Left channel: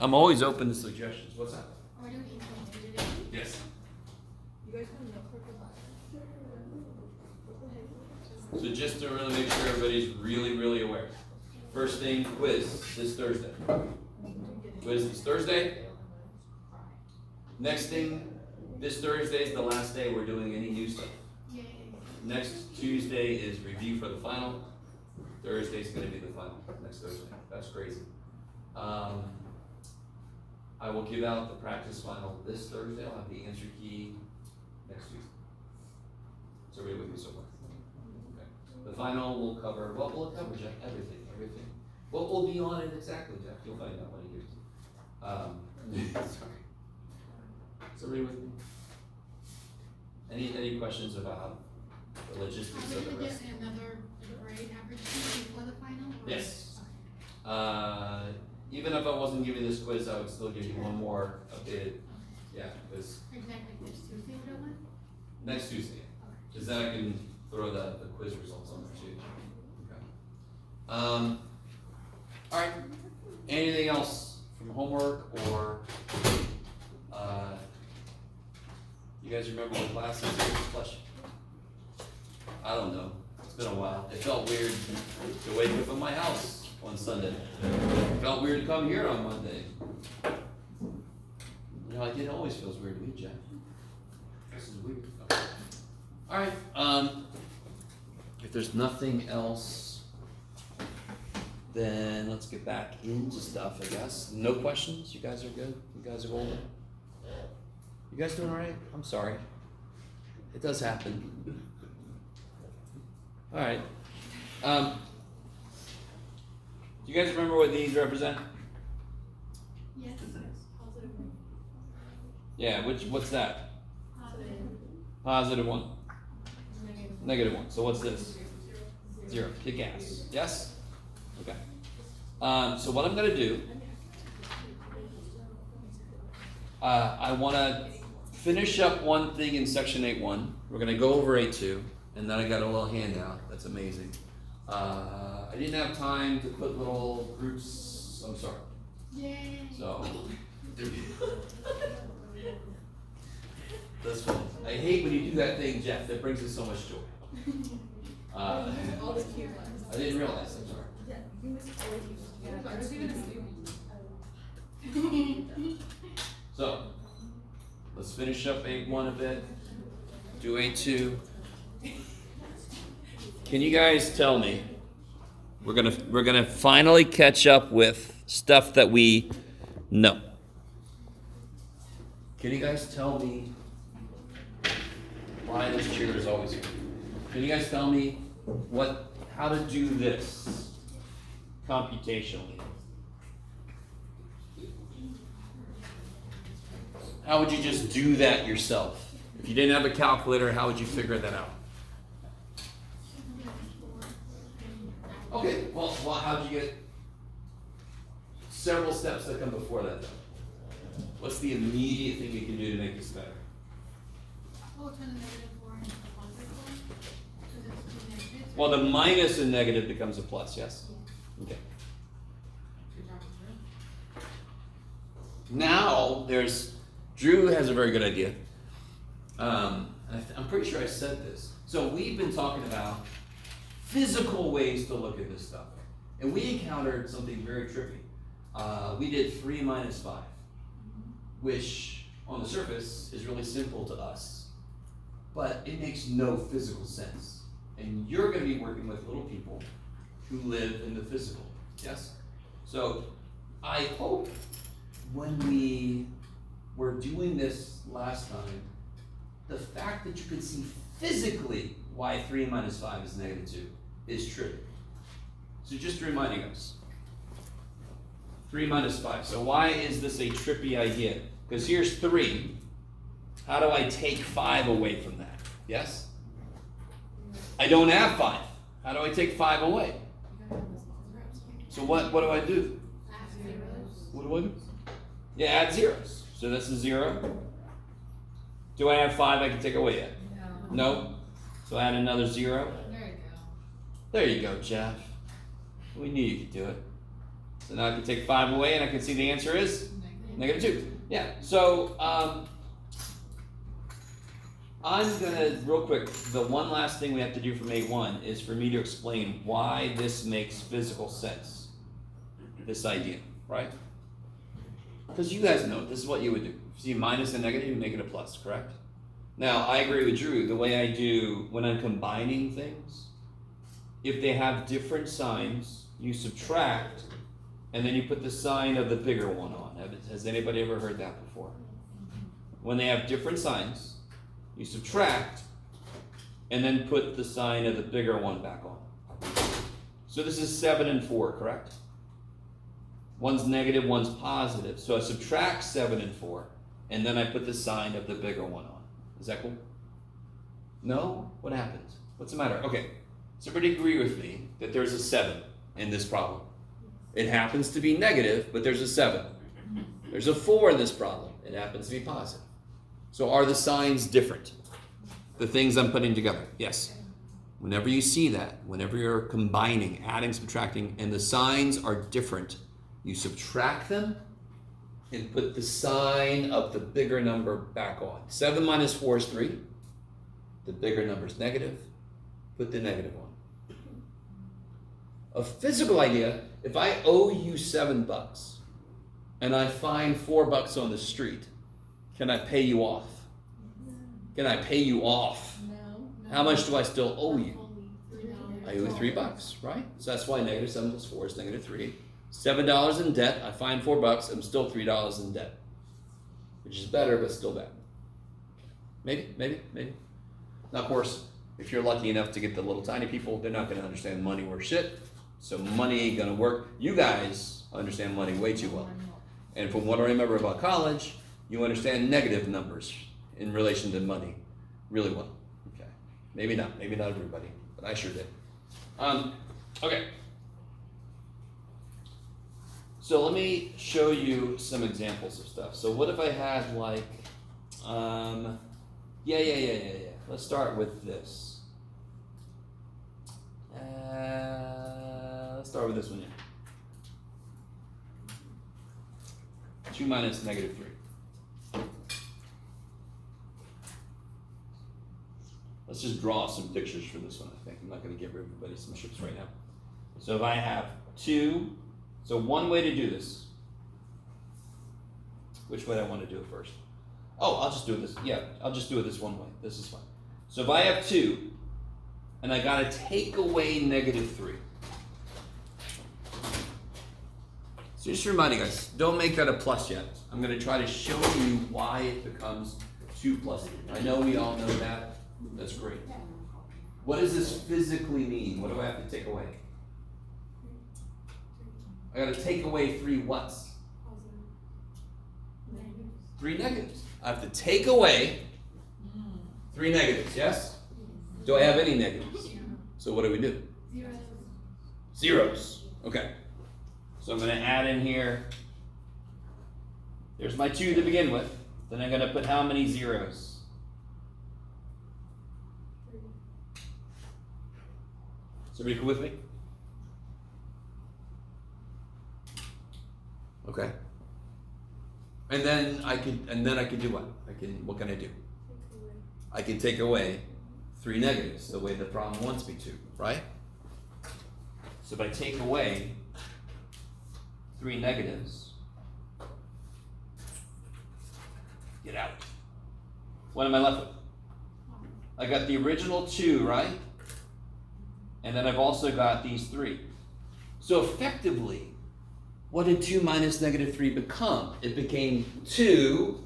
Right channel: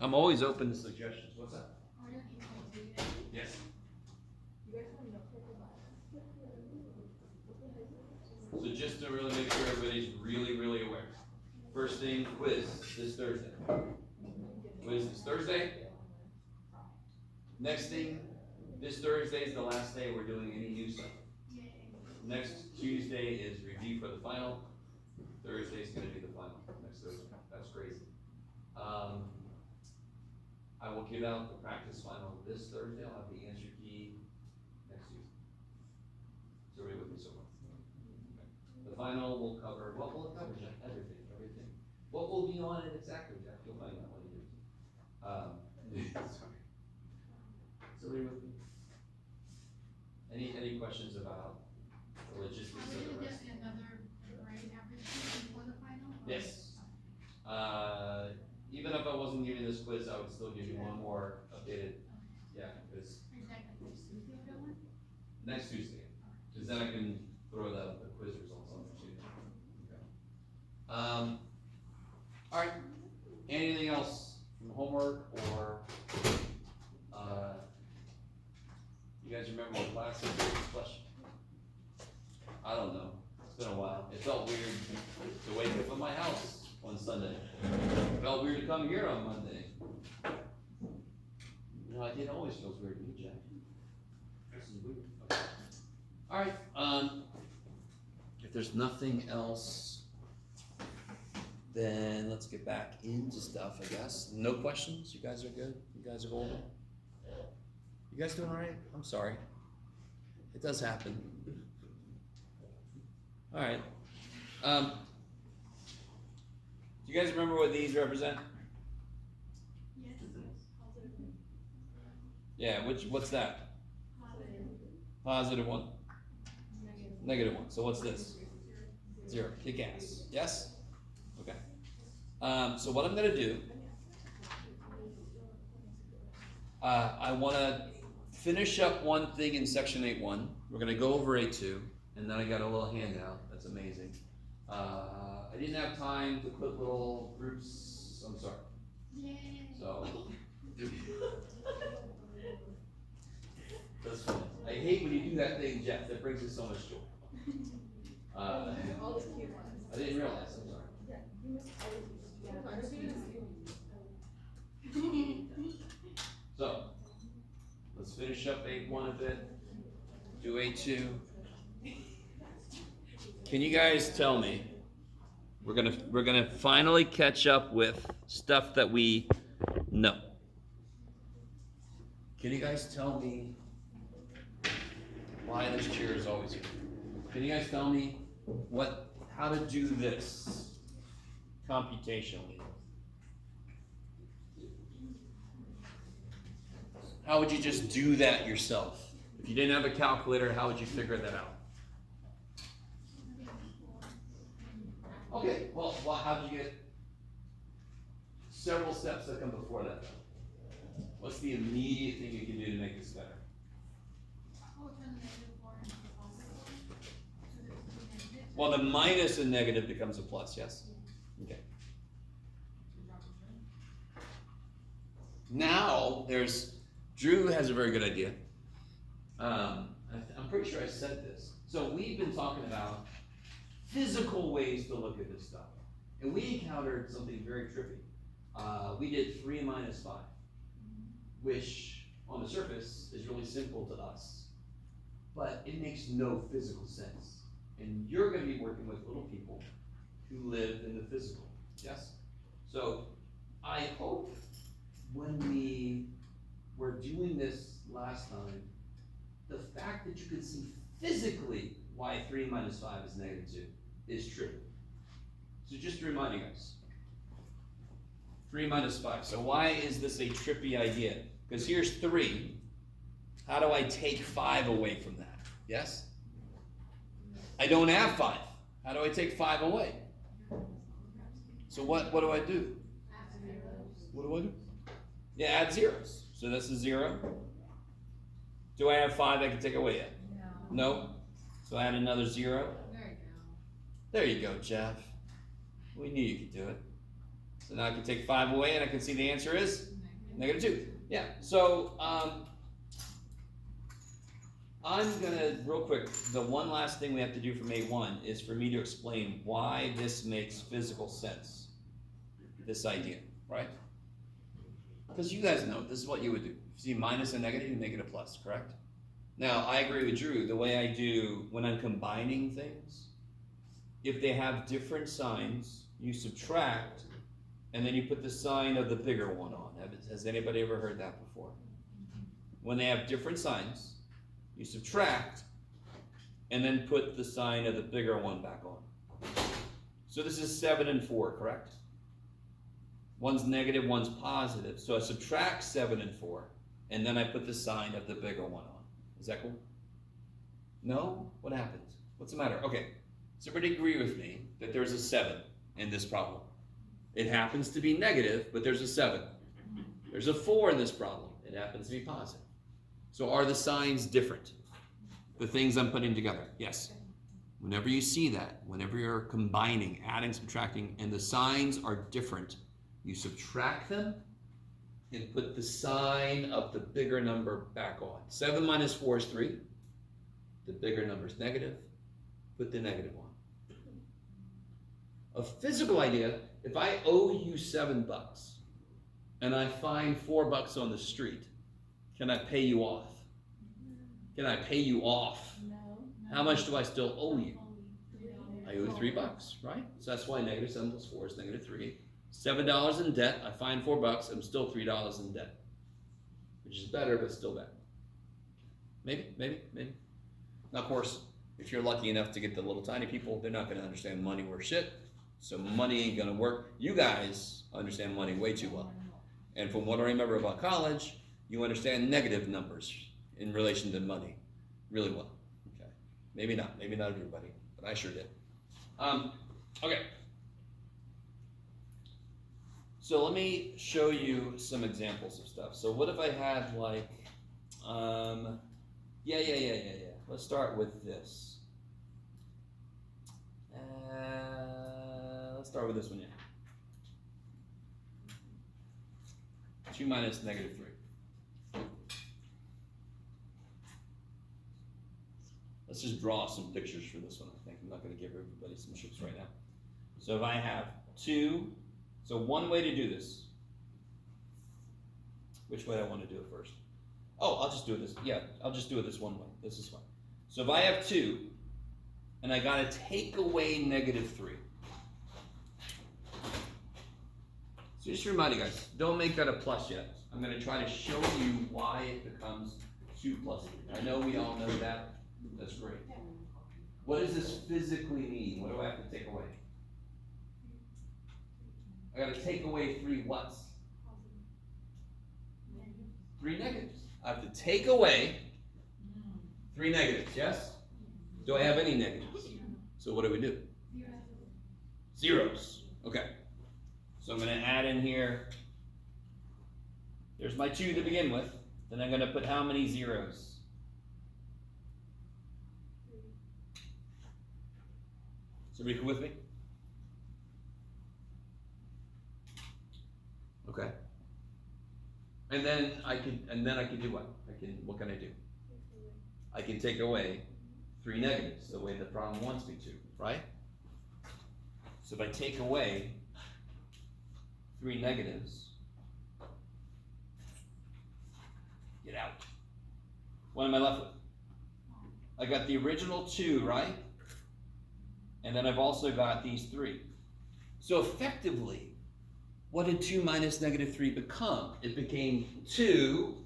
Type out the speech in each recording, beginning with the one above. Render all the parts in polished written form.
I'm always open to suggestions. What's that? Yes. So just to really make sure everybody's really, really aware. First thing, quiz this Thursday. Quiz this Thursday. Next thing, this Thursday is the last day we're doing any new stuff. Next Tuesday is review for the final. Thursday is going to be the final. Next Thursday. That's crazy. I will give out the practice final this Thursday. I'll have the answer key next Tuesday. So read with me so far. Okay. The final will cover, what will it cover, Jeff? Everything. What will be on it exactly, Jeff? You'll find out when he gives it. Sorry. So read with me. Any questions about the logistics of the rest? Another grade average before the final? Yes. Even if I wasn't giving this quiz, I would still give you one more updated. Yeah, because Exactly next Tuesday, what am I? next Tuesday, because then I can throw the quiz results on there too. Okay. All right. Anything else from homework or you guys remember what class is? Flush. I don't know. It's been a while. It felt weird to wake up in my house on Sunday. It felt weird to come here on Monday. You know, it always feels weird to me, Jeff. This is weird. Okay. All right. If there's nothing else, then let's get back into stuff, I guess. No questions? You guys are good? You guys are golden? You guys doing all right? I'm sorry. It does happen. All right. Do you guys remember what these represent? Yes. Yeah, what's that? Positive one. Negative one. So what's this? Zero. Kick ass. Yes? Okay. So what I'm going to do, I want to finish up one thing in section 8.1. We're going to go over 8.2, and then I got a little handout. That's amazing. I didn't have time to put little groups. I'm sorry. Yay. So that's funny. I hate when you do that thing, Jeff. That brings us so much joy. I didn't realize. I'm sorry. So let's finish up 8.1 a bit. Do 8.2. Can you guys tell me? We're gonna finally catch up with stuff that we know. Can you guys tell me why this chair is always here? Can you guys tell me how to do this computationally? How would you just do that yourself? If you didn't have a calculator, how would you figure that out? Okay, well, how'd you get several steps that come before that though? What's the immediate thing you can do to make this better? Well, the minus and negative becomes a plus, yes? Okay. Now, Drew has a very good idea. I'm pretty sure I said this. So we've been talking about physical ways to look at this stuff. And we encountered something very trippy. We did 3 minus 5, which on the surface is really simple to us, but it makes no physical sense. And you're going to be working with little people who live in the physical, yes? So I hope when we were doing this last time, the fact that you could see physically why 3 minus 5 is negative 2 is true. So just reminding us. 3 minus 5. So why is this a trippy idea? Because here's 3. How do I take 5 away from that? Yes? I don't have 5. How do I take 5 away? So what do I do? What do I do? Yeah, add zeros. So this is 0. Do I have 5 I can take away yet? No. So add another 0. There you go. There you go, Jeff. We knew you could do it. So now I can take 5 away and I can see the answer is -2. Yeah, so I'm gonna, real quick, the one last thing we have to do from A1 is for me to explain why this makes physical sense. This idea, right? Because you guys know, this is what you would do. If you see minus and negative, you make it a plus, correct? Now, I agree with Drew, the way I do when I'm combining things, if they have different signs, you subtract, and then you put the sign of the bigger one on. Has anybody ever heard that before? When they have different signs, you subtract, and then put the sign of the bigger one back on. So this is 7 and 4, correct? One's negative, one's positive. So I subtract 7 and 4, and then I put the sign of the bigger one on. Is that cool? No? What happens? What's the matter? Okay, so everybody agree with me that there's a 7 in this problem. It happens to be negative, but there's a 7. There's a 4 in this problem. It happens to be positive. So are the signs different? The things I'm putting together? Yes. Whenever you see that, whenever you're combining, adding, subtracting, and the signs are different, you subtract them and put the sign of the bigger number back on. 7 minus 4 is 3. The bigger number is negative. Put the negative on. A physical idea, if I owe you $7 and I find $4 on the street, can I pay you off? Can I pay you off? No. How much do I still owe you? $3. I owe you $3, right? So that's why negative 7 plus 4 is -3. $7 in debt, I find $4, I'm still $3 in debt. Which is better, but still bad. Maybe. Now, of course, if you're lucky enough to get the little tiny people, they're not going to understand money worth shit. So money ain't going to work. You guys understand money way too well. And from what I remember about college, you understand negative numbers in relation to money really well. Okay. Maybe not everybody, but I sure did. Okay. So let me show you some examples of stuff. So what if I had like, yeah. Let's start with this. Let's start with this one here. 2 minus -3. Let's just draw some pictures for this one, I think. I'm not going to give everybody some shits right now. So if I have 2, so one way to do this, which way do I want to do it first? Oh, I'll just do it this, yeah, I'll just do it this one way. This is fine. So if I have 2, and I got to take away -3. So just remind you guys, don't make that a plus yet. I'm going to try to show you why it becomes 2 plus 3. I know we all know that. That's great. What does this physically mean? What do I have to take away? I got to take away 3 whats? 3 negatives. I have to take away 3 negatives, yes? Do I have any negatives? So what do we do? Zeros. Okay. So I'm going to add in here, there's my 2 to begin with. Then I'm going to put how many zeros? So are you with me? Okay. And then I could do what? What can I do? I can take away 3 negatives, the way the problem wants me to, right? So if I take away 3 negatives, get out. What am I left with? I got the original 2, right? And then I've also got these 3. So effectively, what did 2 minus -3 become? It became 2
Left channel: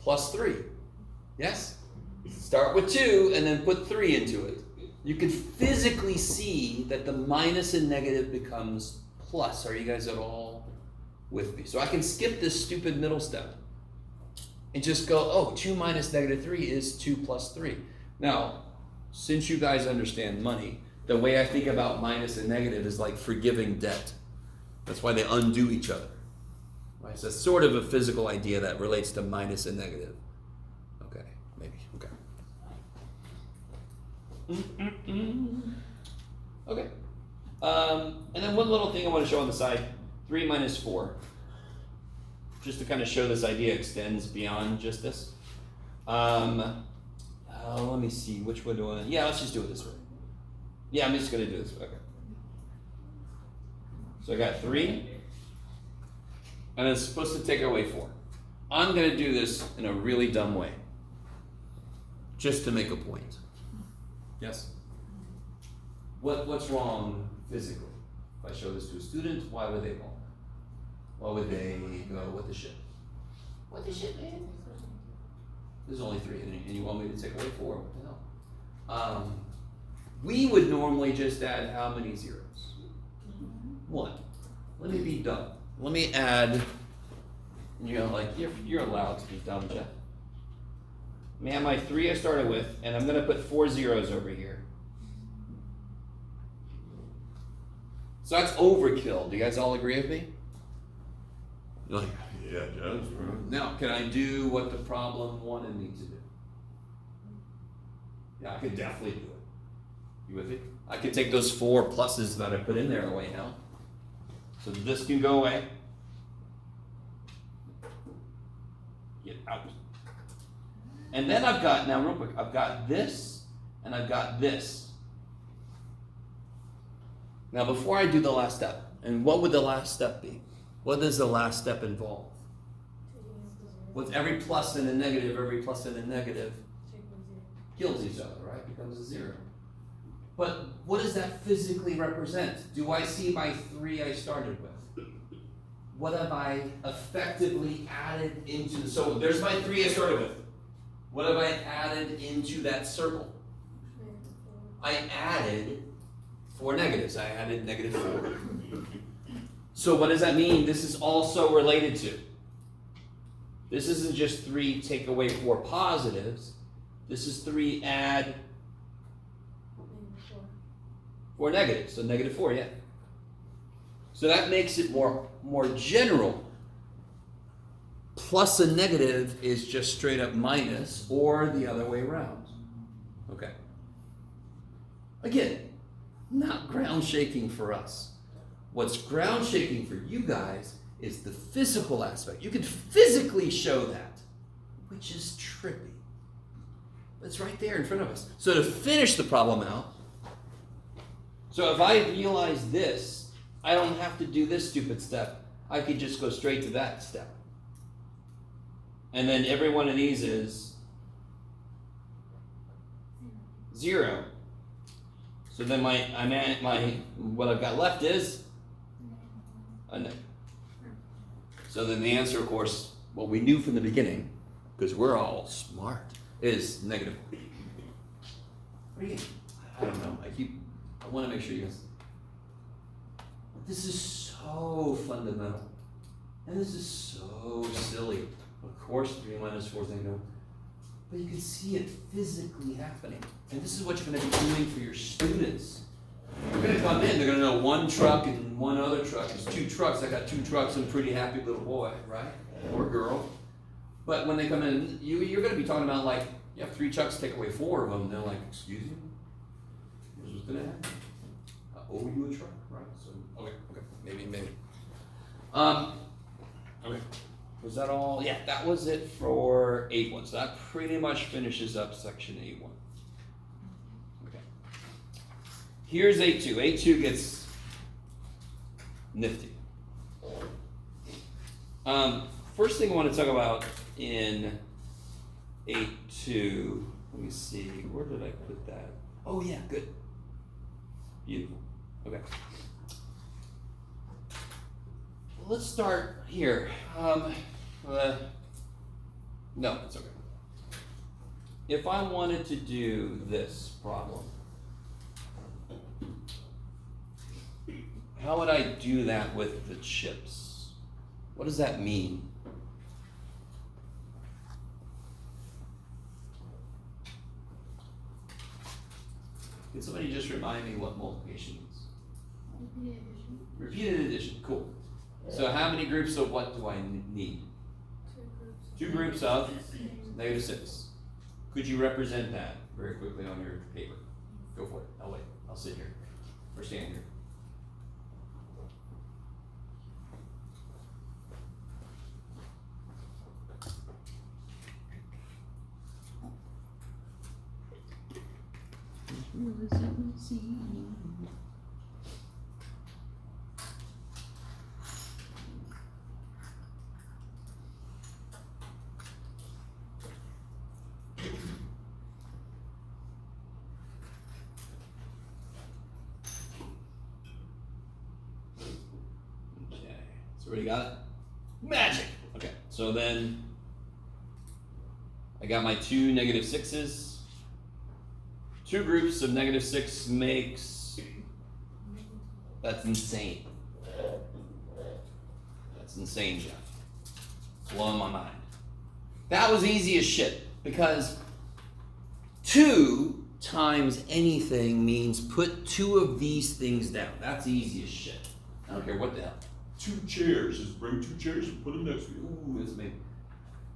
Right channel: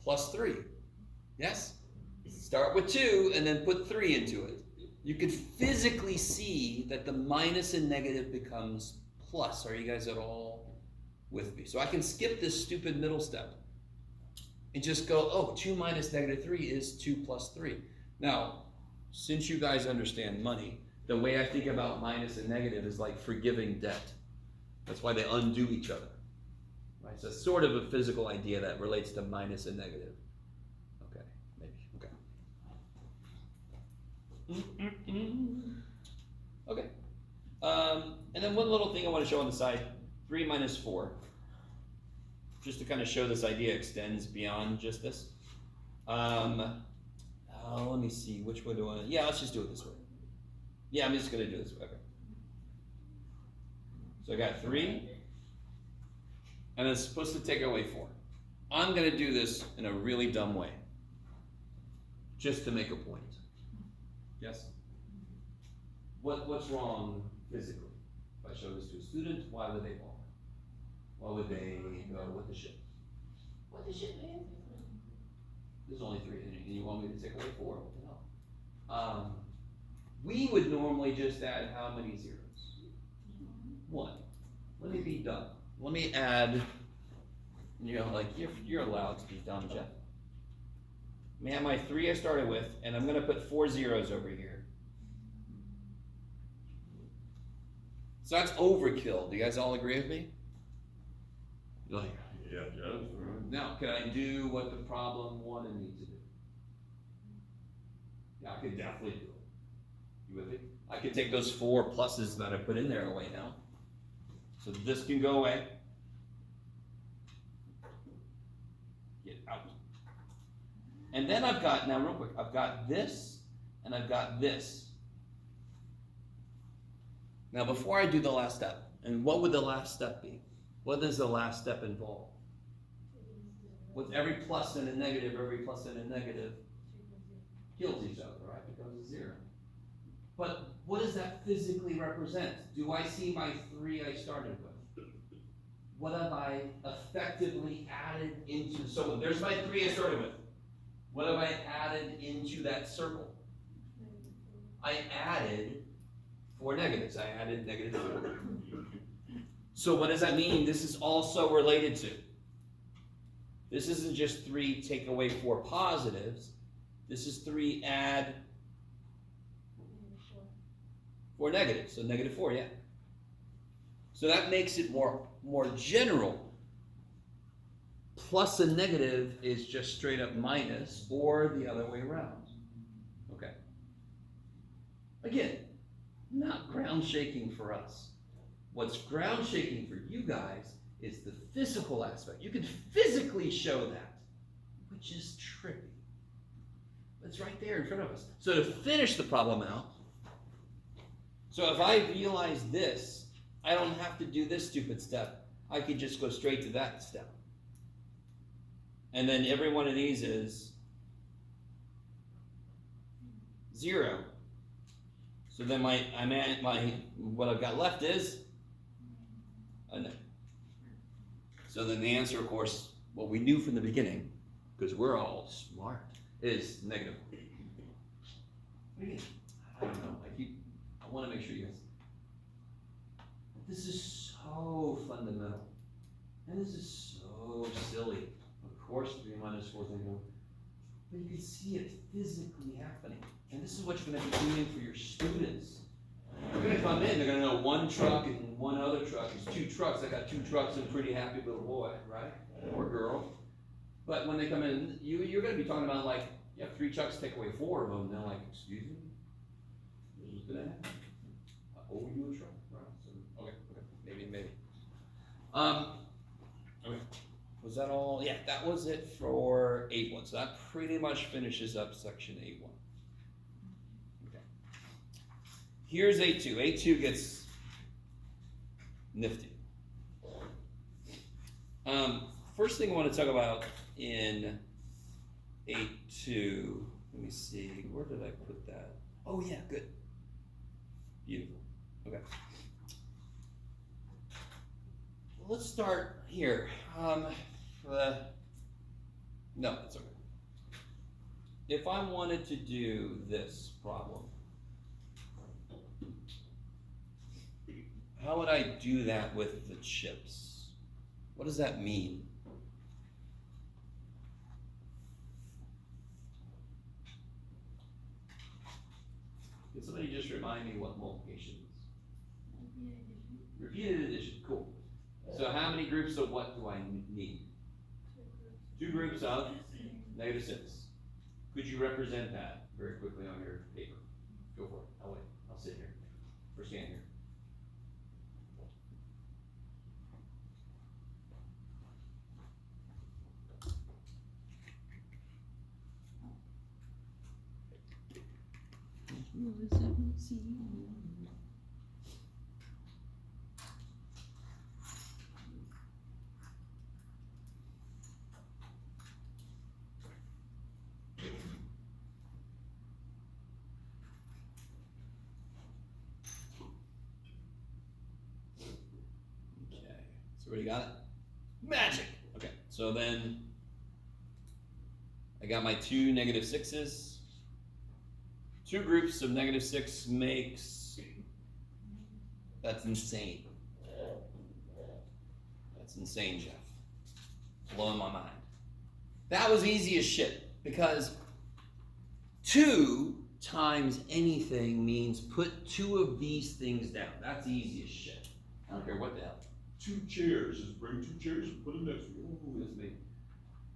plus 3. Yes? Start with 2 and then put 3 into it. You can physically see that the minus and negative becomes plus. Are you guys at all with me? So I can skip this stupid middle step and just go, oh, 2 minus -3 is 2 plus 3. Now, since you guys understand money, the way I think about minus and negative is like forgiving debt. That's why they undo each other. Right? So it's sort of a physical idea that relates to minus and negative. Okay, maybe. Okay. Okay. And then one little thing I want to show on the side, 3 minus 4. Just to kind of show this idea extends beyond just this. Let me see, which one do I, yeah, let's just do it this way. Yeah, I'm just gonna do this, okay. So I got 3, and it's supposed to take away 4. I'm gonna do this in a really dumb way, just to make a point. Yes? What's wrong physically? If I show this to a student, why would they fall? Why would they go, what the shit? What the shit, man? There's only 3, and you want me to take away 4? What the hell? We would normally just add how many zeros? 1. Let me be dumb. Let me add, like you're allowed to be dumb, Jeff. Let me have my 3 I started with, and I'm gonna put 4 zeros over here. So that's overkill. Do you guys all agree with me? You're like, yeah, Jeff. Now, can I do what the problem wanted me to do? Yeah, I could definitely do it. You with me? I could take those 4 pluses that I put in there away now. So this can go away. Get out. And then I've got, now real quick, I've got this and I've got this. Now before I do the last step, and what would the last step be? What does the last step involve? With every plus and a negative, every plus and a negative kills each other, right? Becomes a 0. But what does that physically represent? Do I see my 3 I started with? What have I effectively added into, so there's my 3 I started with. What have I added into that circle? I added 4 negatives. I added -4. So what does that mean? This is also related to. This isn't just 3 take away 4 positives. This is 3 add 4 negatives. So -4, yeah. So that makes it more general. Plus a negative is just straight up minus, or the other way around. Okay. Again, not ground shaking for us. What's ground shaking for you guys is the physical aspect. You can physically show that, which is trippy. It's right there in front of us. So to finish the problem out, so if I realize this, I don't have to do this stupid step. I could just go straight to that step. And then every one of these is 0. So then what I've got left is a negative. So then the answer, of course, what we knew from the beginning, because we're all smart, is -4. What do you think? I don't know. I want to make sure you guys. This is so fundamental, and this is so silly. Of course, 3 minus 4 is negative, but you can see it physically happening, and this is what you're going to be doing for your students. They're going to come in. They're going to know 1 truck and 1 other truck. It's 2 trucks. I got 2 trucks. I'm a pretty happy little boy, right, or girl. But when they come in, you're going to be talking about like you have 3 trucks, take away 4 of them. And they're like, excuse me, this was going to happen. I owe you a truck, right? So okay, maybe. Okay. Was that all? Yeah, that was it for 8.1. So that pretty much finishes up section 8.1. Okay. Here's 8.2. 8.2 gets nifty. First thing I want to talk about in 8.2, let me see, where did I put that? Oh yeah, good. Beautiful. Okay. Let's start here. No, it's okay. If I wanted to do this problem, how would I do that with the chips? What does that mean? Can somebody just remind me what multiplication means? Repeated addition, cool. So how many groups of what do I need? 2 groups of -6. Could you represent that very quickly on your paper? Go for it. I'll wait. I'll sit here or stand here. So everybody got it? Magic! Okay, so then I got my two negative sixes. Two groups of negative six makes, that's insane. That's insane, Jeff. It's blowing my mind. That was easy as shit, because 2 times anything means put 2 of these things down. That's easy as shit. I don't care what the hell. 2 chairs, just bring 2 chairs and put them next to you. Ooh, that's me.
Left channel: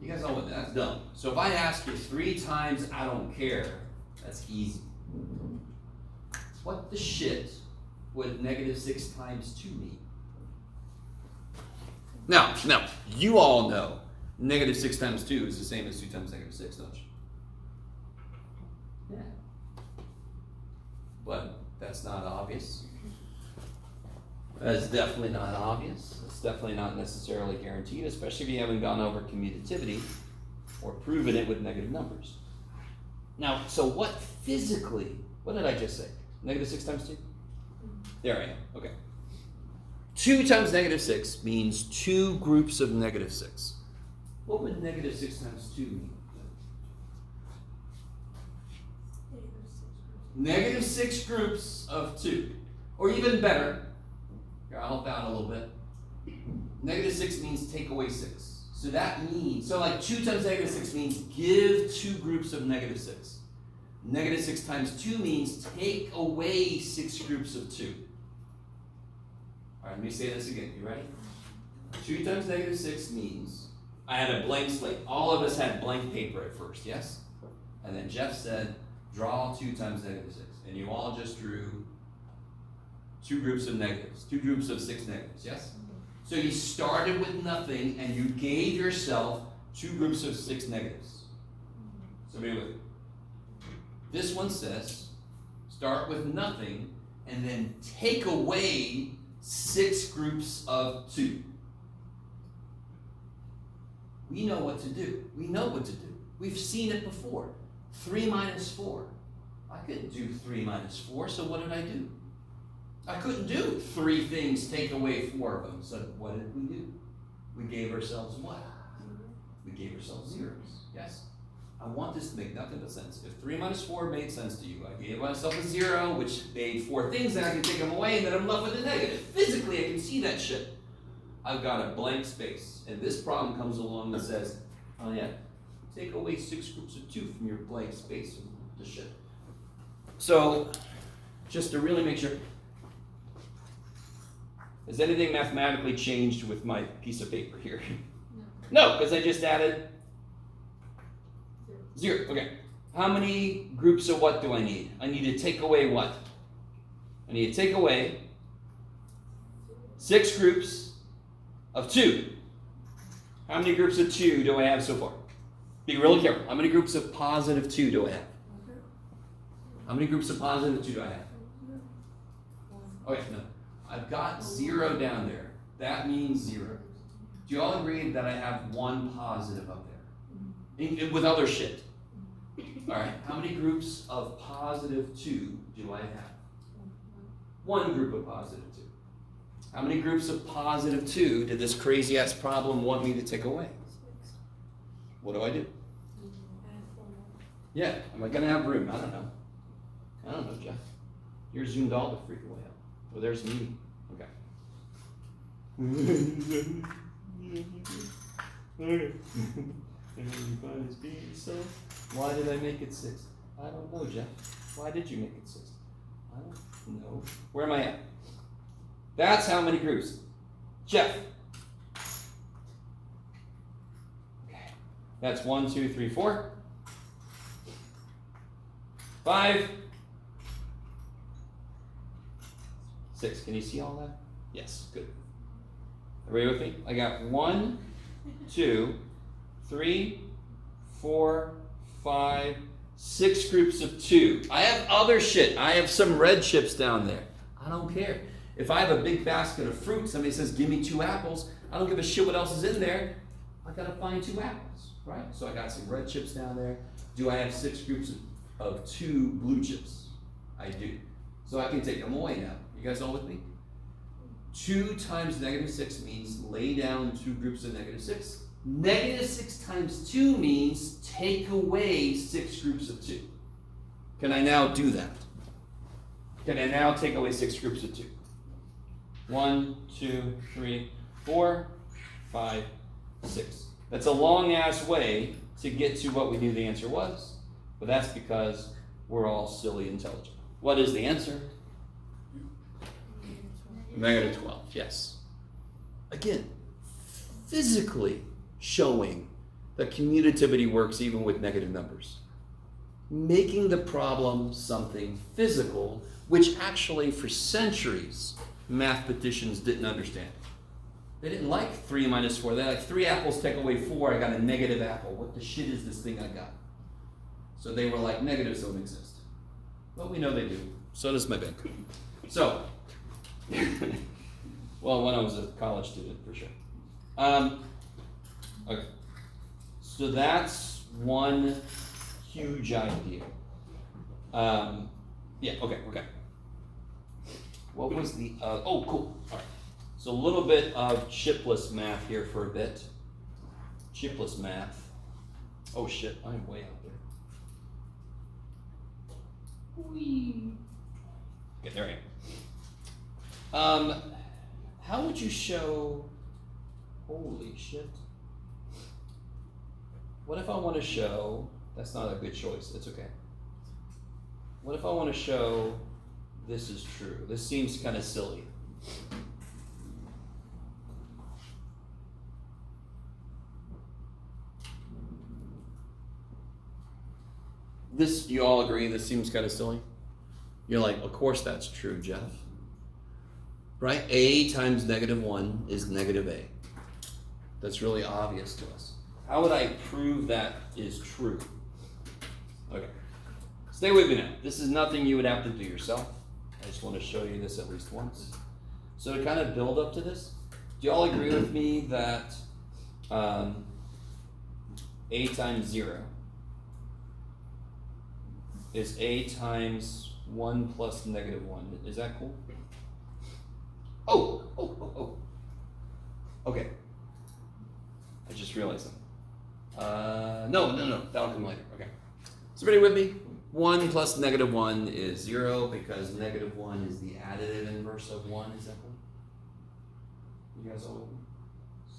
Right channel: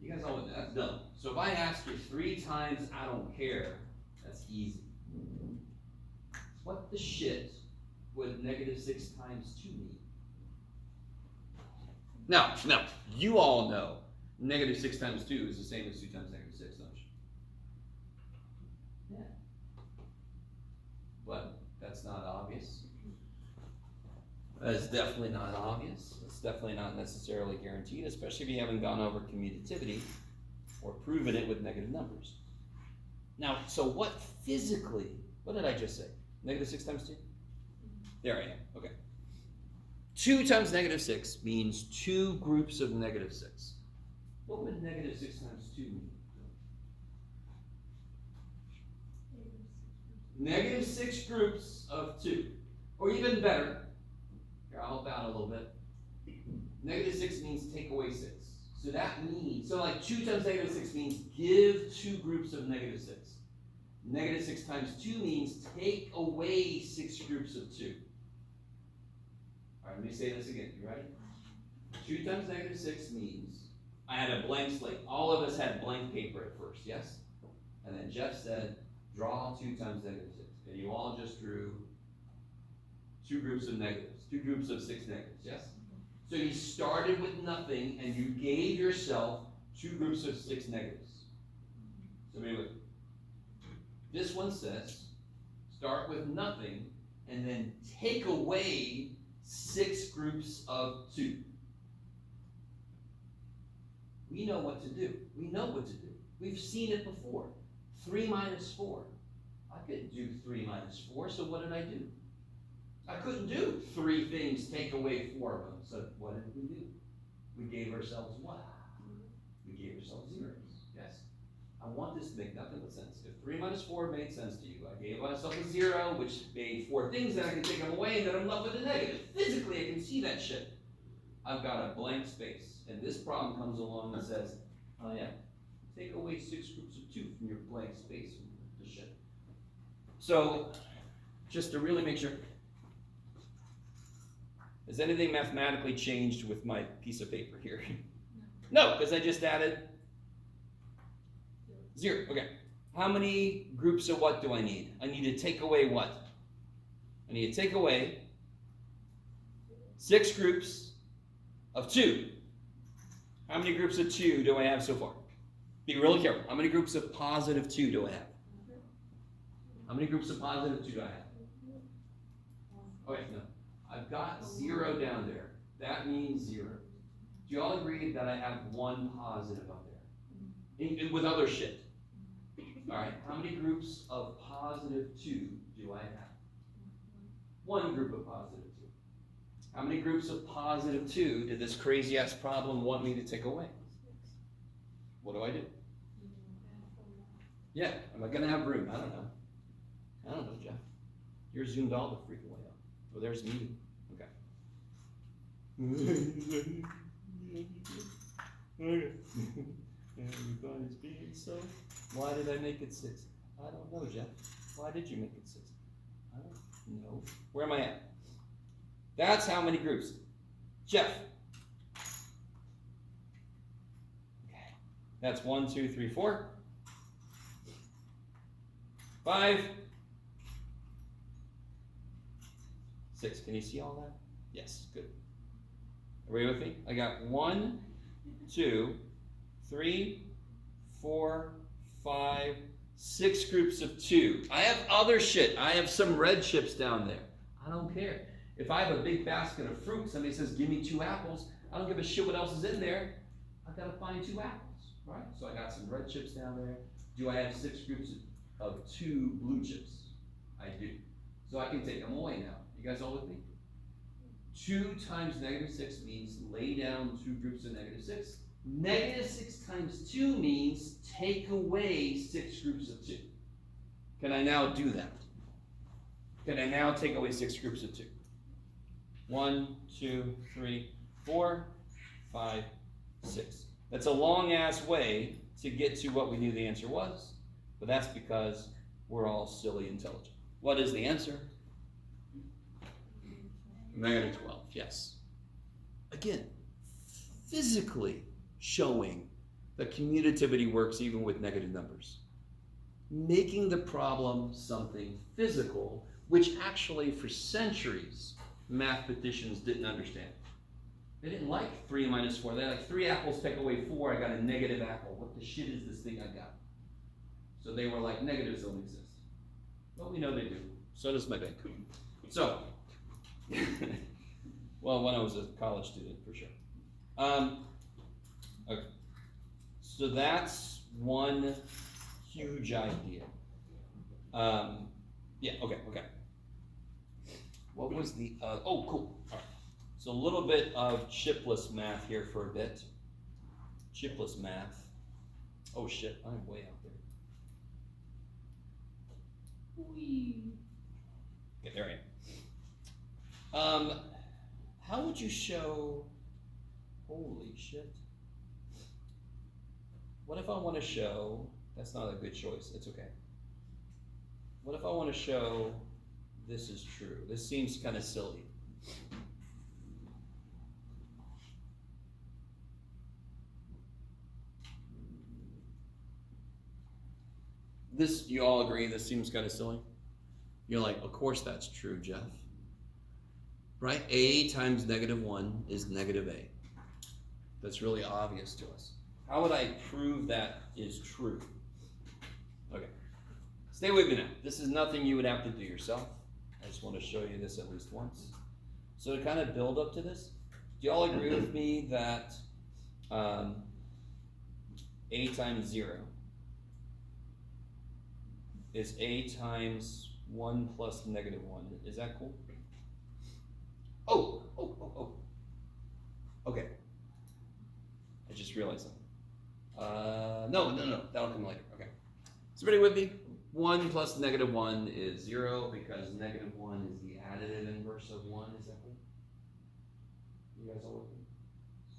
You guys know what, that's dumb. So if I ask you 3 times, I don't care, that's easy. What the shit would negative 6 times 2 mean? Now, you all know negative 6 times 2 is the same as 2 times negative 6, don't you? Yeah. But that's not obvious. That's definitely not obvious. It's definitely not necessarily guaranteed, especially if you haven't gone over commutativity or proven it with negative numbers. Now, so what physically, what did I just say? Negative 6 times 2? There I am, okay. 2 times negative 6 means 2 groups of negative 6. What would negative 6 times 2 mean? Negative 6 groups of 2. Or even better, here, I'll help out a little bit. Negative 6 means take away 6. So that means, so like 2 times negative 6 means give 2 groups of negative 6. Negative 6 times 2 means take away 6 groups of 2. All right, let me say this again. You ready? 2 times negative 6 means, I had a blank slate. All of us had blank paper at first, yes? And then Jeff said, draw 2 times negative 6. And you all just drew 2 groups of negatives, 2 groups of 6 negatives, yes? So you started with nothing and you gave yourself 2 groups of 6 negatives. So be with me. This one says, start with nothing and then take away 6 groups of 2. We know what to do. We know what to do. We've seen it before. 3 minus 4. I couldn't do 3 minus 4, so what did I do? I couldn't do 3 things, take away 4 of them. So what did we do? We gave ourselves what? We gave ourselves zeros, yes? I want this to make nothing but sense. If 3 minus 4 made sense to you, I gave myself a 0, which made 4 things, and I can take them away, and then I'm left with a negative. Physically, I can see that shit. I've got a blank space, and this problem comes along and says, oh yeah, take away 6 groups of 2 from your blank space, and the shit. So, just to really make sure, has anything mathematically changed with my piece of paper here? No, because I just added 0. Okay. How many groups of what do I need? I need to take away what? I need to take away 6 groups of 2. How many groups of 2 do I have so far? Be really careful. How many groups of positive 2 do I have? How many groups of positive 2 do I have? Okay, no. I've got 0 down there. That means 0. Do you all agree that I have 1 positive up there? With other shit. Alright, how many groups of positive 2 do I have? 1 group of positive 2. How many groups of positive 2 did this crazy ass problem want me to take away? What do I do? Yeah, am I going to have room? I don't know. I don't know, Jeff. You're zoomed all the freak away up. Well, there's me. Okay. Why did I make it 6? I don't know, Jeff. Why did you make it 6? I don't know. Where am I at? That's how many groups. Jeff. Okay. That's 1, 2, 3, 4. 5. 6. Can you see all that? Yes, good. Everybody with me? I got 1, 2, 3, 4, 5, 6 groups of 2. I have other shit. I have some red chips down there. I don't care. If I have a big basket of fruit, somebody says, give me 2 apples. I don't give a shit what else is in there. I gotta find 2 apples, right? So I got some red chips down there. Do I have 6 groups of 2 blue chips? I do. So I can take them away now. You guys all with me? 2 times -6 means lay down 2 groups of -6. -6 times 2 means take away 6 groups of 2. Can I now do that? Can I now take away 6 groups of 2? 1, 2, 3, 4, 5, 6. That's a long ass way to get to what we knew the answer was, but that's because we're all silly intelligent. What is the answer? -12, yes. Again, physically showing that commutativity works even with negative numbers. Making the problem something physical, which actually for centuries mathematicians didn't understand. They didn't like 3 minus 4. They're like, 3 apples take away 4, I got a negative apple. What the shit is this thing I got? So they were like, negatives don't exist. But we know they do. So does my bank. So, well, when I was a college student, for sure. Okay. So that's one huge idea. Yeah, okay. What was the, oh, cool, all right. So a little bit of chipless math here for a bit. Chipless math. Oh shit, I'm way out there. Whee. Okay, there I am. How would you show, holy shit. What if I want to show, that's not a good choice, it's okay. What if I want to show this is true? This seems kind of silly. This, you all agree, this seems kind of silly? You're like, of course that's true, Jeff. Right? A times -1 is -A. That's really obvious to us. How would I prove that is true? Okay. Stay with me now. This is nothing you would have to do yourself. I just want to show you this at least once. So to kind of build up to this, do you all agree with me that A times 0 is A times 1 plus -1? Is that cool? Oh. Okay. I just realized something. No, that'll come later. Okay. Is everybody with me? 1 plus -1 is 0 because -1 is the additive inverse of 1. Is that cool? You guys all with me?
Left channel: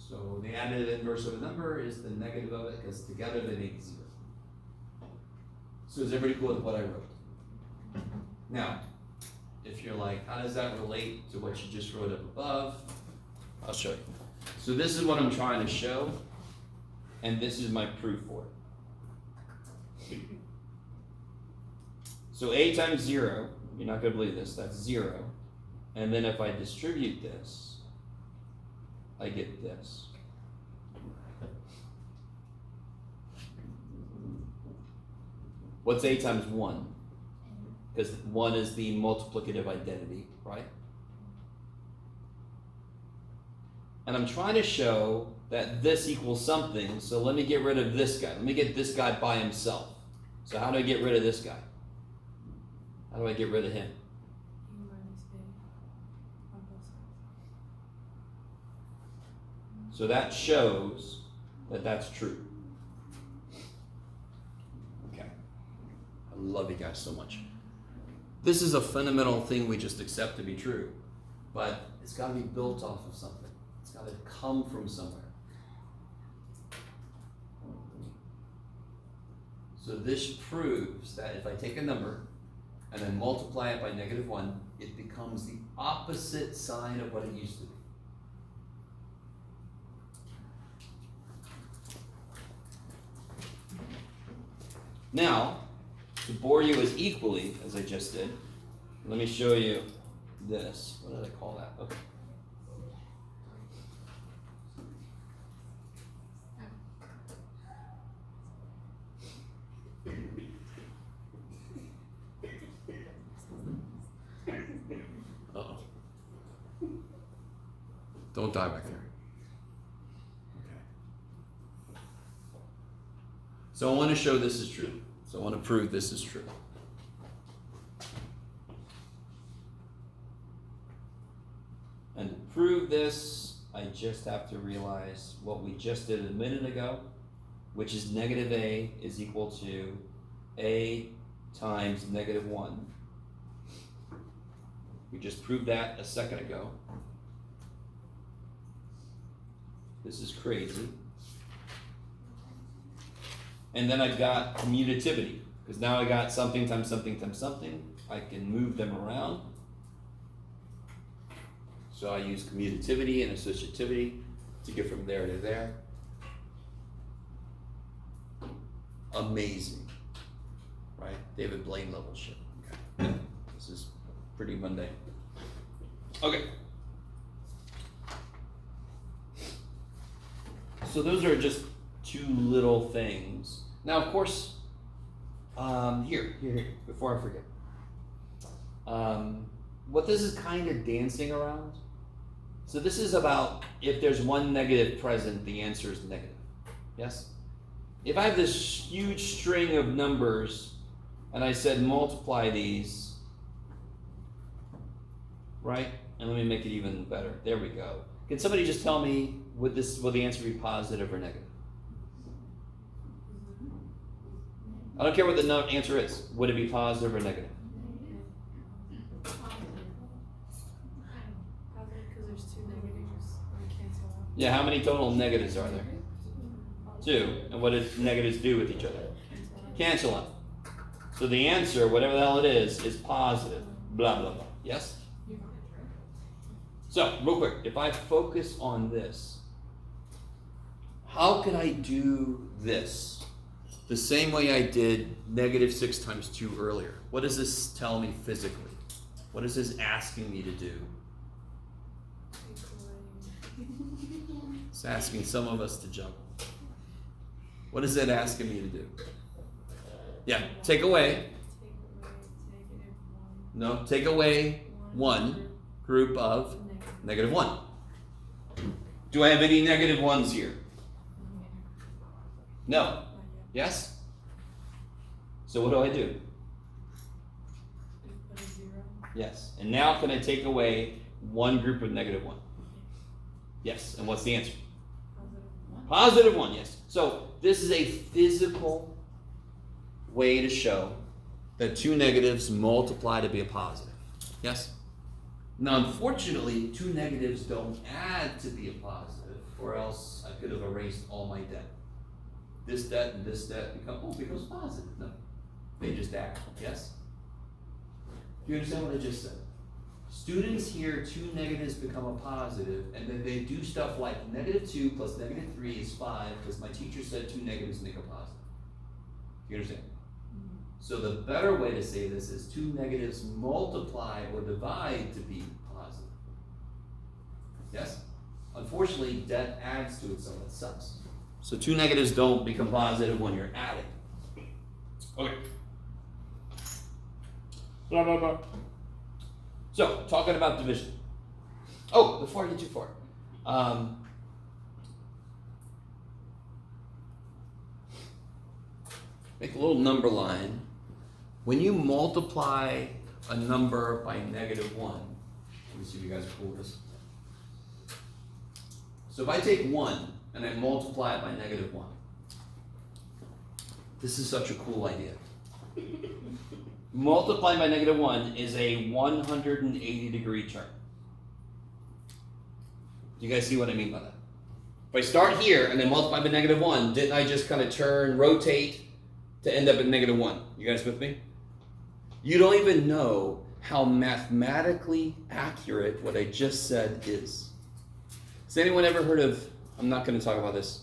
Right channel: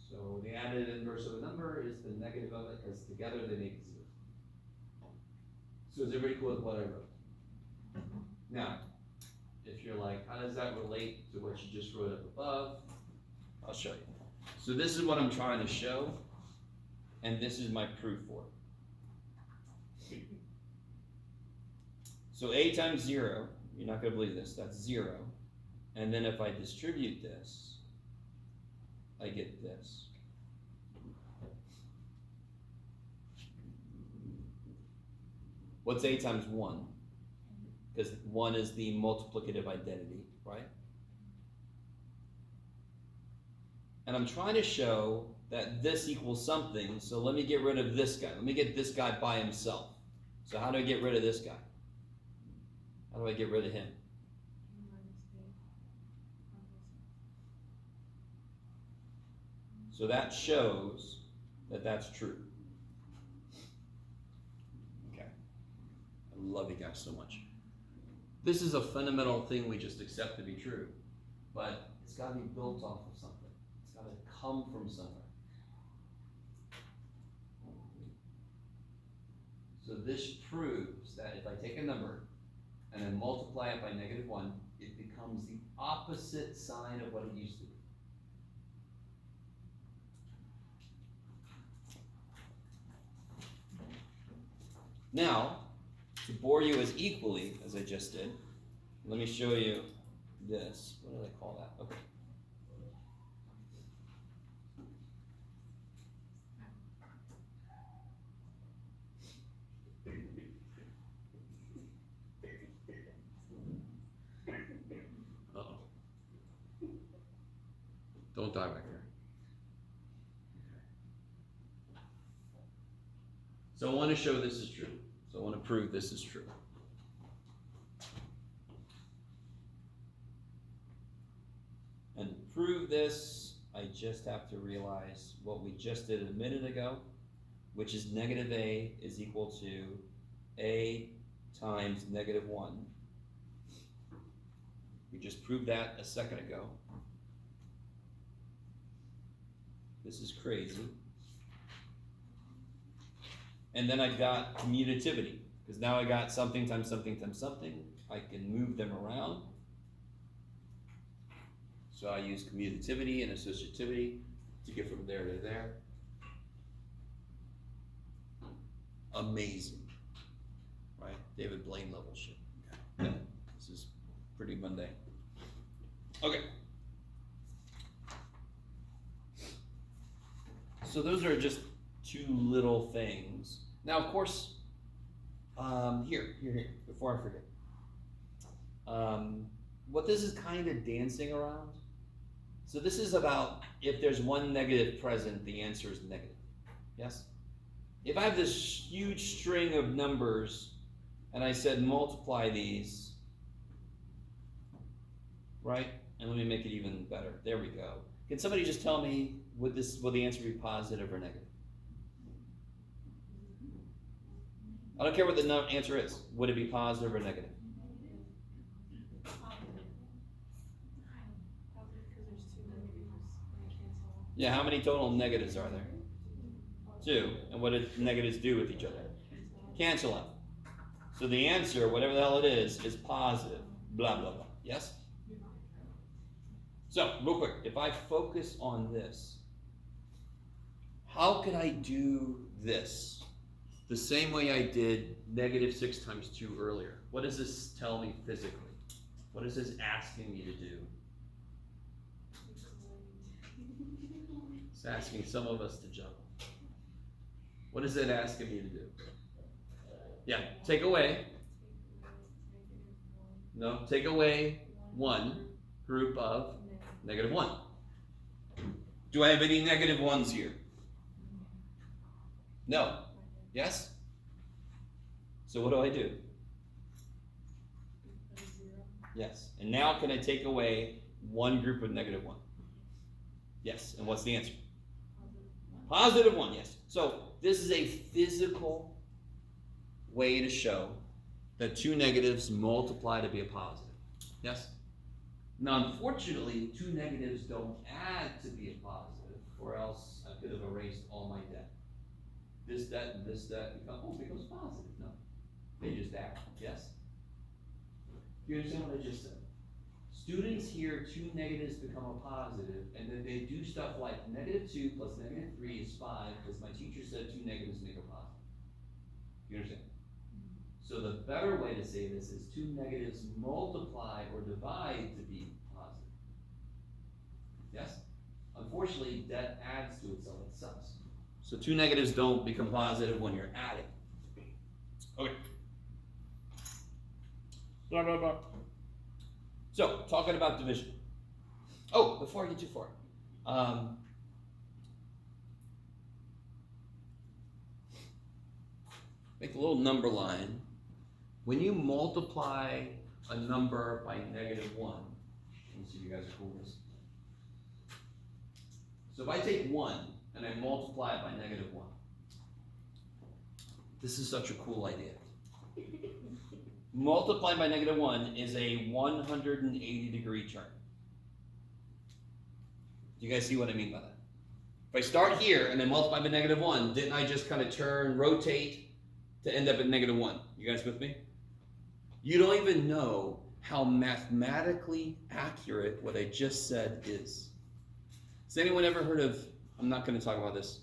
So the additive inverse of a number is the negative of it because together they make 0. So is everybody cool with what I wrote? Now, if you're like, how does that relate to what you just wrote up above? I'll show you. So this is what I'm trying to show, and this is my proof for it. So A times 0, you're not going to believe this, that's 0. And then if I distribute this, I get this. What's A times 1? Because 1 is the multiplicative identity, right? And I'm trying to show that this equals something, so let me get rid of this guy. Let me get this guy by himself. So how do I get rid of this guy? How do I get rid of him? So that shows that that's true. Okay. I love you guys so much. This is a fundamental thing we just accept to be true, but it's got to be built off of something. It's got to come from somewhere. So this proves that if I take a number and then multiply it by -1, it becomes the opposite sign of what it used to be. Now, to bore you as equally as I just did, let me show you this. What did I call that? Okay. Don't die back there. Okay. So I want to show this is true. So I want to prove this is true. And to prove this, I just have to realize what we just did a minute ago, which is negative a is equal to a times negative 1. We just proved that a second ago. This is crazy. And then I've got commutativity, because now I got something times something times something. I can move them around. So I use commutativity and associativity to get from there to there. Amazing, right? David Blaine level shit. Okay. This is pretty mundane. Okay. So those are just two little things. Now, of course, here, before I forget. What this is kind of dancing around. So this is about if there's one negative present, the answer is negative. Yes? If I have this huge string of numbers and I said multiply these, right? And let me make it even better. There we go. Can somebody just tell me, will the answer be positive or negative? I don't care what the answer is. Would it be positive or negative? Yeah, how many total negatives are there? 2. And what do negatives do with each other? Cancel out. So the answer, whatever the hell it is positive. Blah, blah, blah. Yes? So, real quick, if I focus on this, how can I do this? The same way I did negative 6 times 2 earlier. What does this tell me physically? What is this asking me to do? It's asking some of us to juggle. What is it asking me to do? Yeah, take away. No, take away one group of negative 1. Do I have any negative 1s here? No. Yes? So what do I do? Yes. And now can I take away one group of negative 1? Yes. And what's the answer? Positive 1, yes. So this is a physical way to show that 2 negatives multiply to be a positive. Yes? Now, unfortunately, 2 negatives don't add to be a positive, or else I could have erased all my debt. This debt and this debt becomes positive. No, they just add. Yes? Do you understand what I just said? Students hear 2 negatives become a positive, and then they do stuff like negative 2 plus negative 3 is 5, because my teacher said 2 negatives make a positive. Do you understand? So the better way to say this is 2 negatives multiply or divide to be positive. Yes? Unfortunately, debt adds to itself. It sucks. So 2 negatives don't become positive when you're adding. Okay. Blah, blah, blah. So, talking about division. Oh, before I get too far. Make a little number line. When you multiply a number by negative 1, let me see if you guys are cool with this. So if I take 1 and I multiply it by negative 1, this is such a cool idea. Multiplied by negative 1 is a 180-degree turn. Do you guys see what I mean by that? If I start here and then multiply by negative 1, didn't I just kind of turn, rotate to end up at negative 1? You guys with me? You don't even know how mathematically accurate what I just said is. Has anyone ever heard of, I'm not going to talk about this,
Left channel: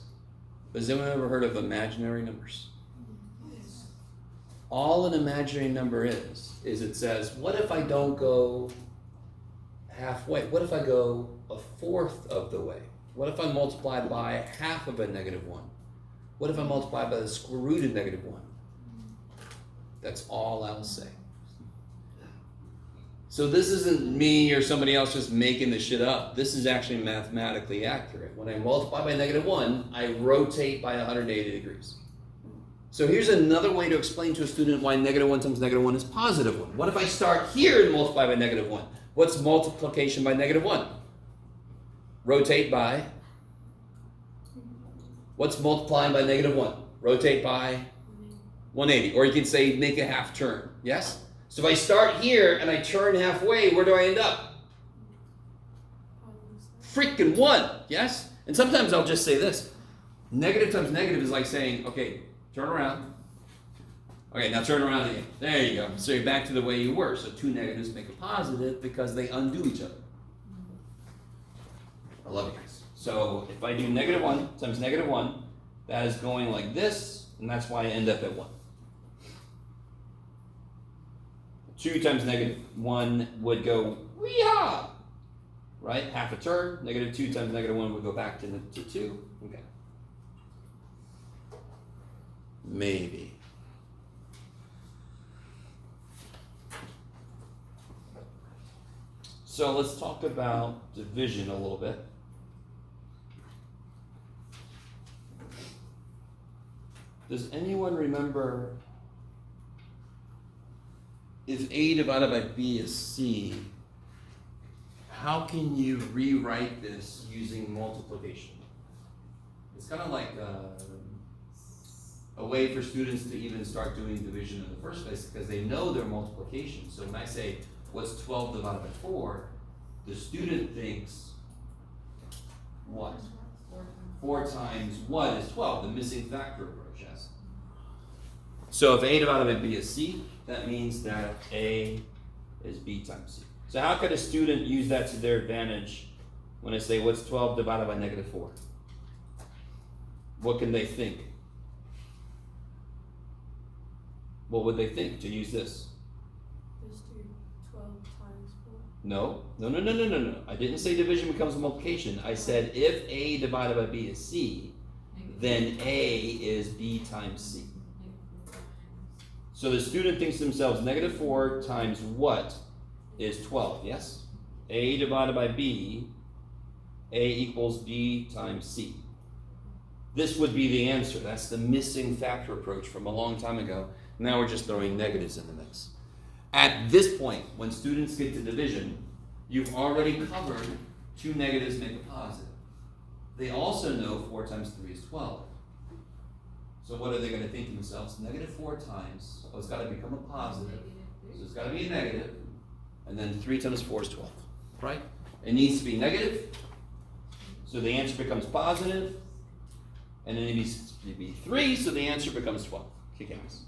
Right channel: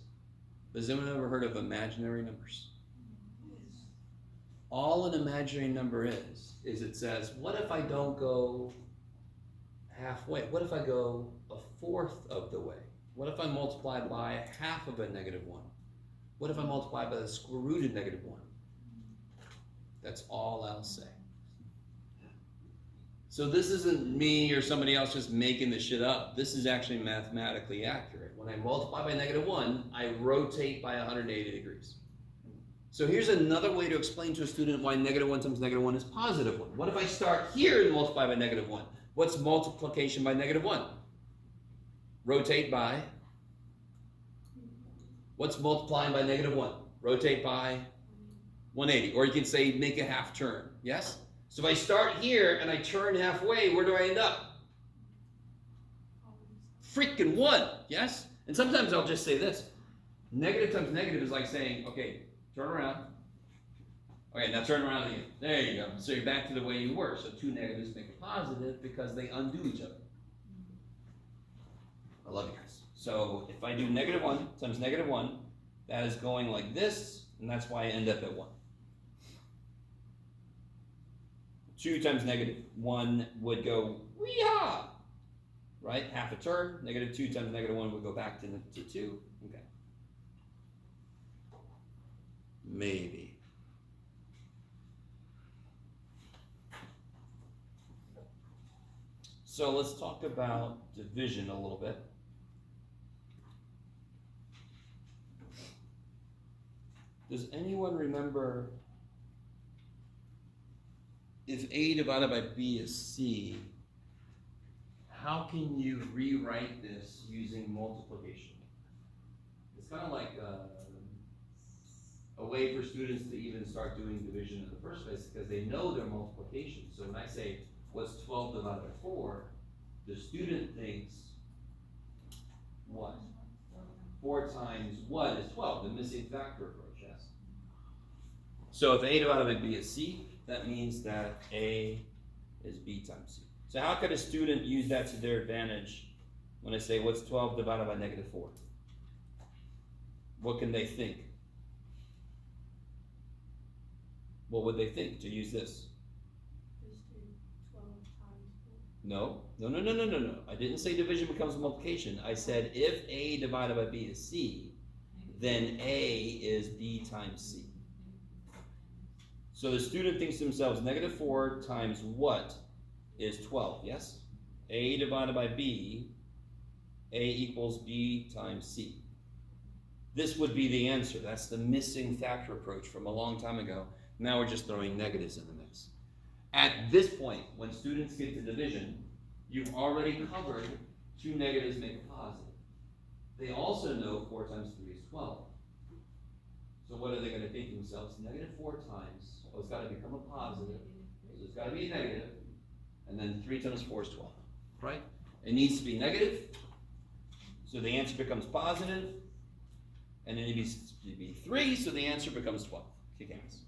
but has anyone ever heard of imaginary numbers? All an imaginary number is it says, what if I don't go halfway? What if I go a fourth of the way? What if I multiply by half of a negative 1? What if I multiply by the square root of negative 1? That's all I'll say. So this isn't me or somebody else just making this shit up. This is actually mathematically accurate. When I multiply by -1, I rotate by 180 degrees. So here's another way to explain to a student why -1 times -1 is +1. What if I start here and multiply by -1? What's multiplication by -1? Rotate by. What's multiplying by -1? Rotate by 180. Or you can say make a half turn. Yes? So if I start here and I turn halfway, where do I end up? Freaking 1. Yes? And sometimes I'll just say this. Negative times negative is like saying, okay, turn around. Okay, now turn around again. There you go. So you're back to the way you were. So two negatives make a positive because they undo each other. I love you guys. So if I do -1 times -1, that is going like this, and that's why I end up at 1. 2 times -1 would go wee-haw, right? Half a turn. -2 times -1 would go back to 2. Okay. Maybe. So let's talk about division a little bit. Does anyone remember if A divided by B is C, how can you rewrite this using multiplication? It's kind of like a way for students to even start doing division in the first place because they know their multiplication. So when I say, what's 12 divided by 4, the student thinks, what? 4 times what is 12? The missing factor approach, yes? So if A divided by B is C, that means that A is B times C. So how could a student use that to their advantage when I say, what's 12 divided by -4? What can they think? What would they think to use this? Just do 12 times 4. No. I didn't say division becomes multiplication. I said if A divided by B is C, then A is B times C. So the student thinks to themselves, -4 times what is 12, yes? A divided by B, A equals B times C. This would be the answer. That's the missing factor approach from a long time ago. Now we're just throwing negatives in the mix. At this point, when students get to division, you've already covered 2 negatives make a positive. They also know 4 times 3 is 12. So what are they going to think to themselves? -4 times, oh, it's got to become a positive. So it's got to be a negative. And then 3 times 4 is 12, right? It needs to be negative. So the answer becomes positive. And then it needs to be 3, so the answer becomes 12. Kick ass.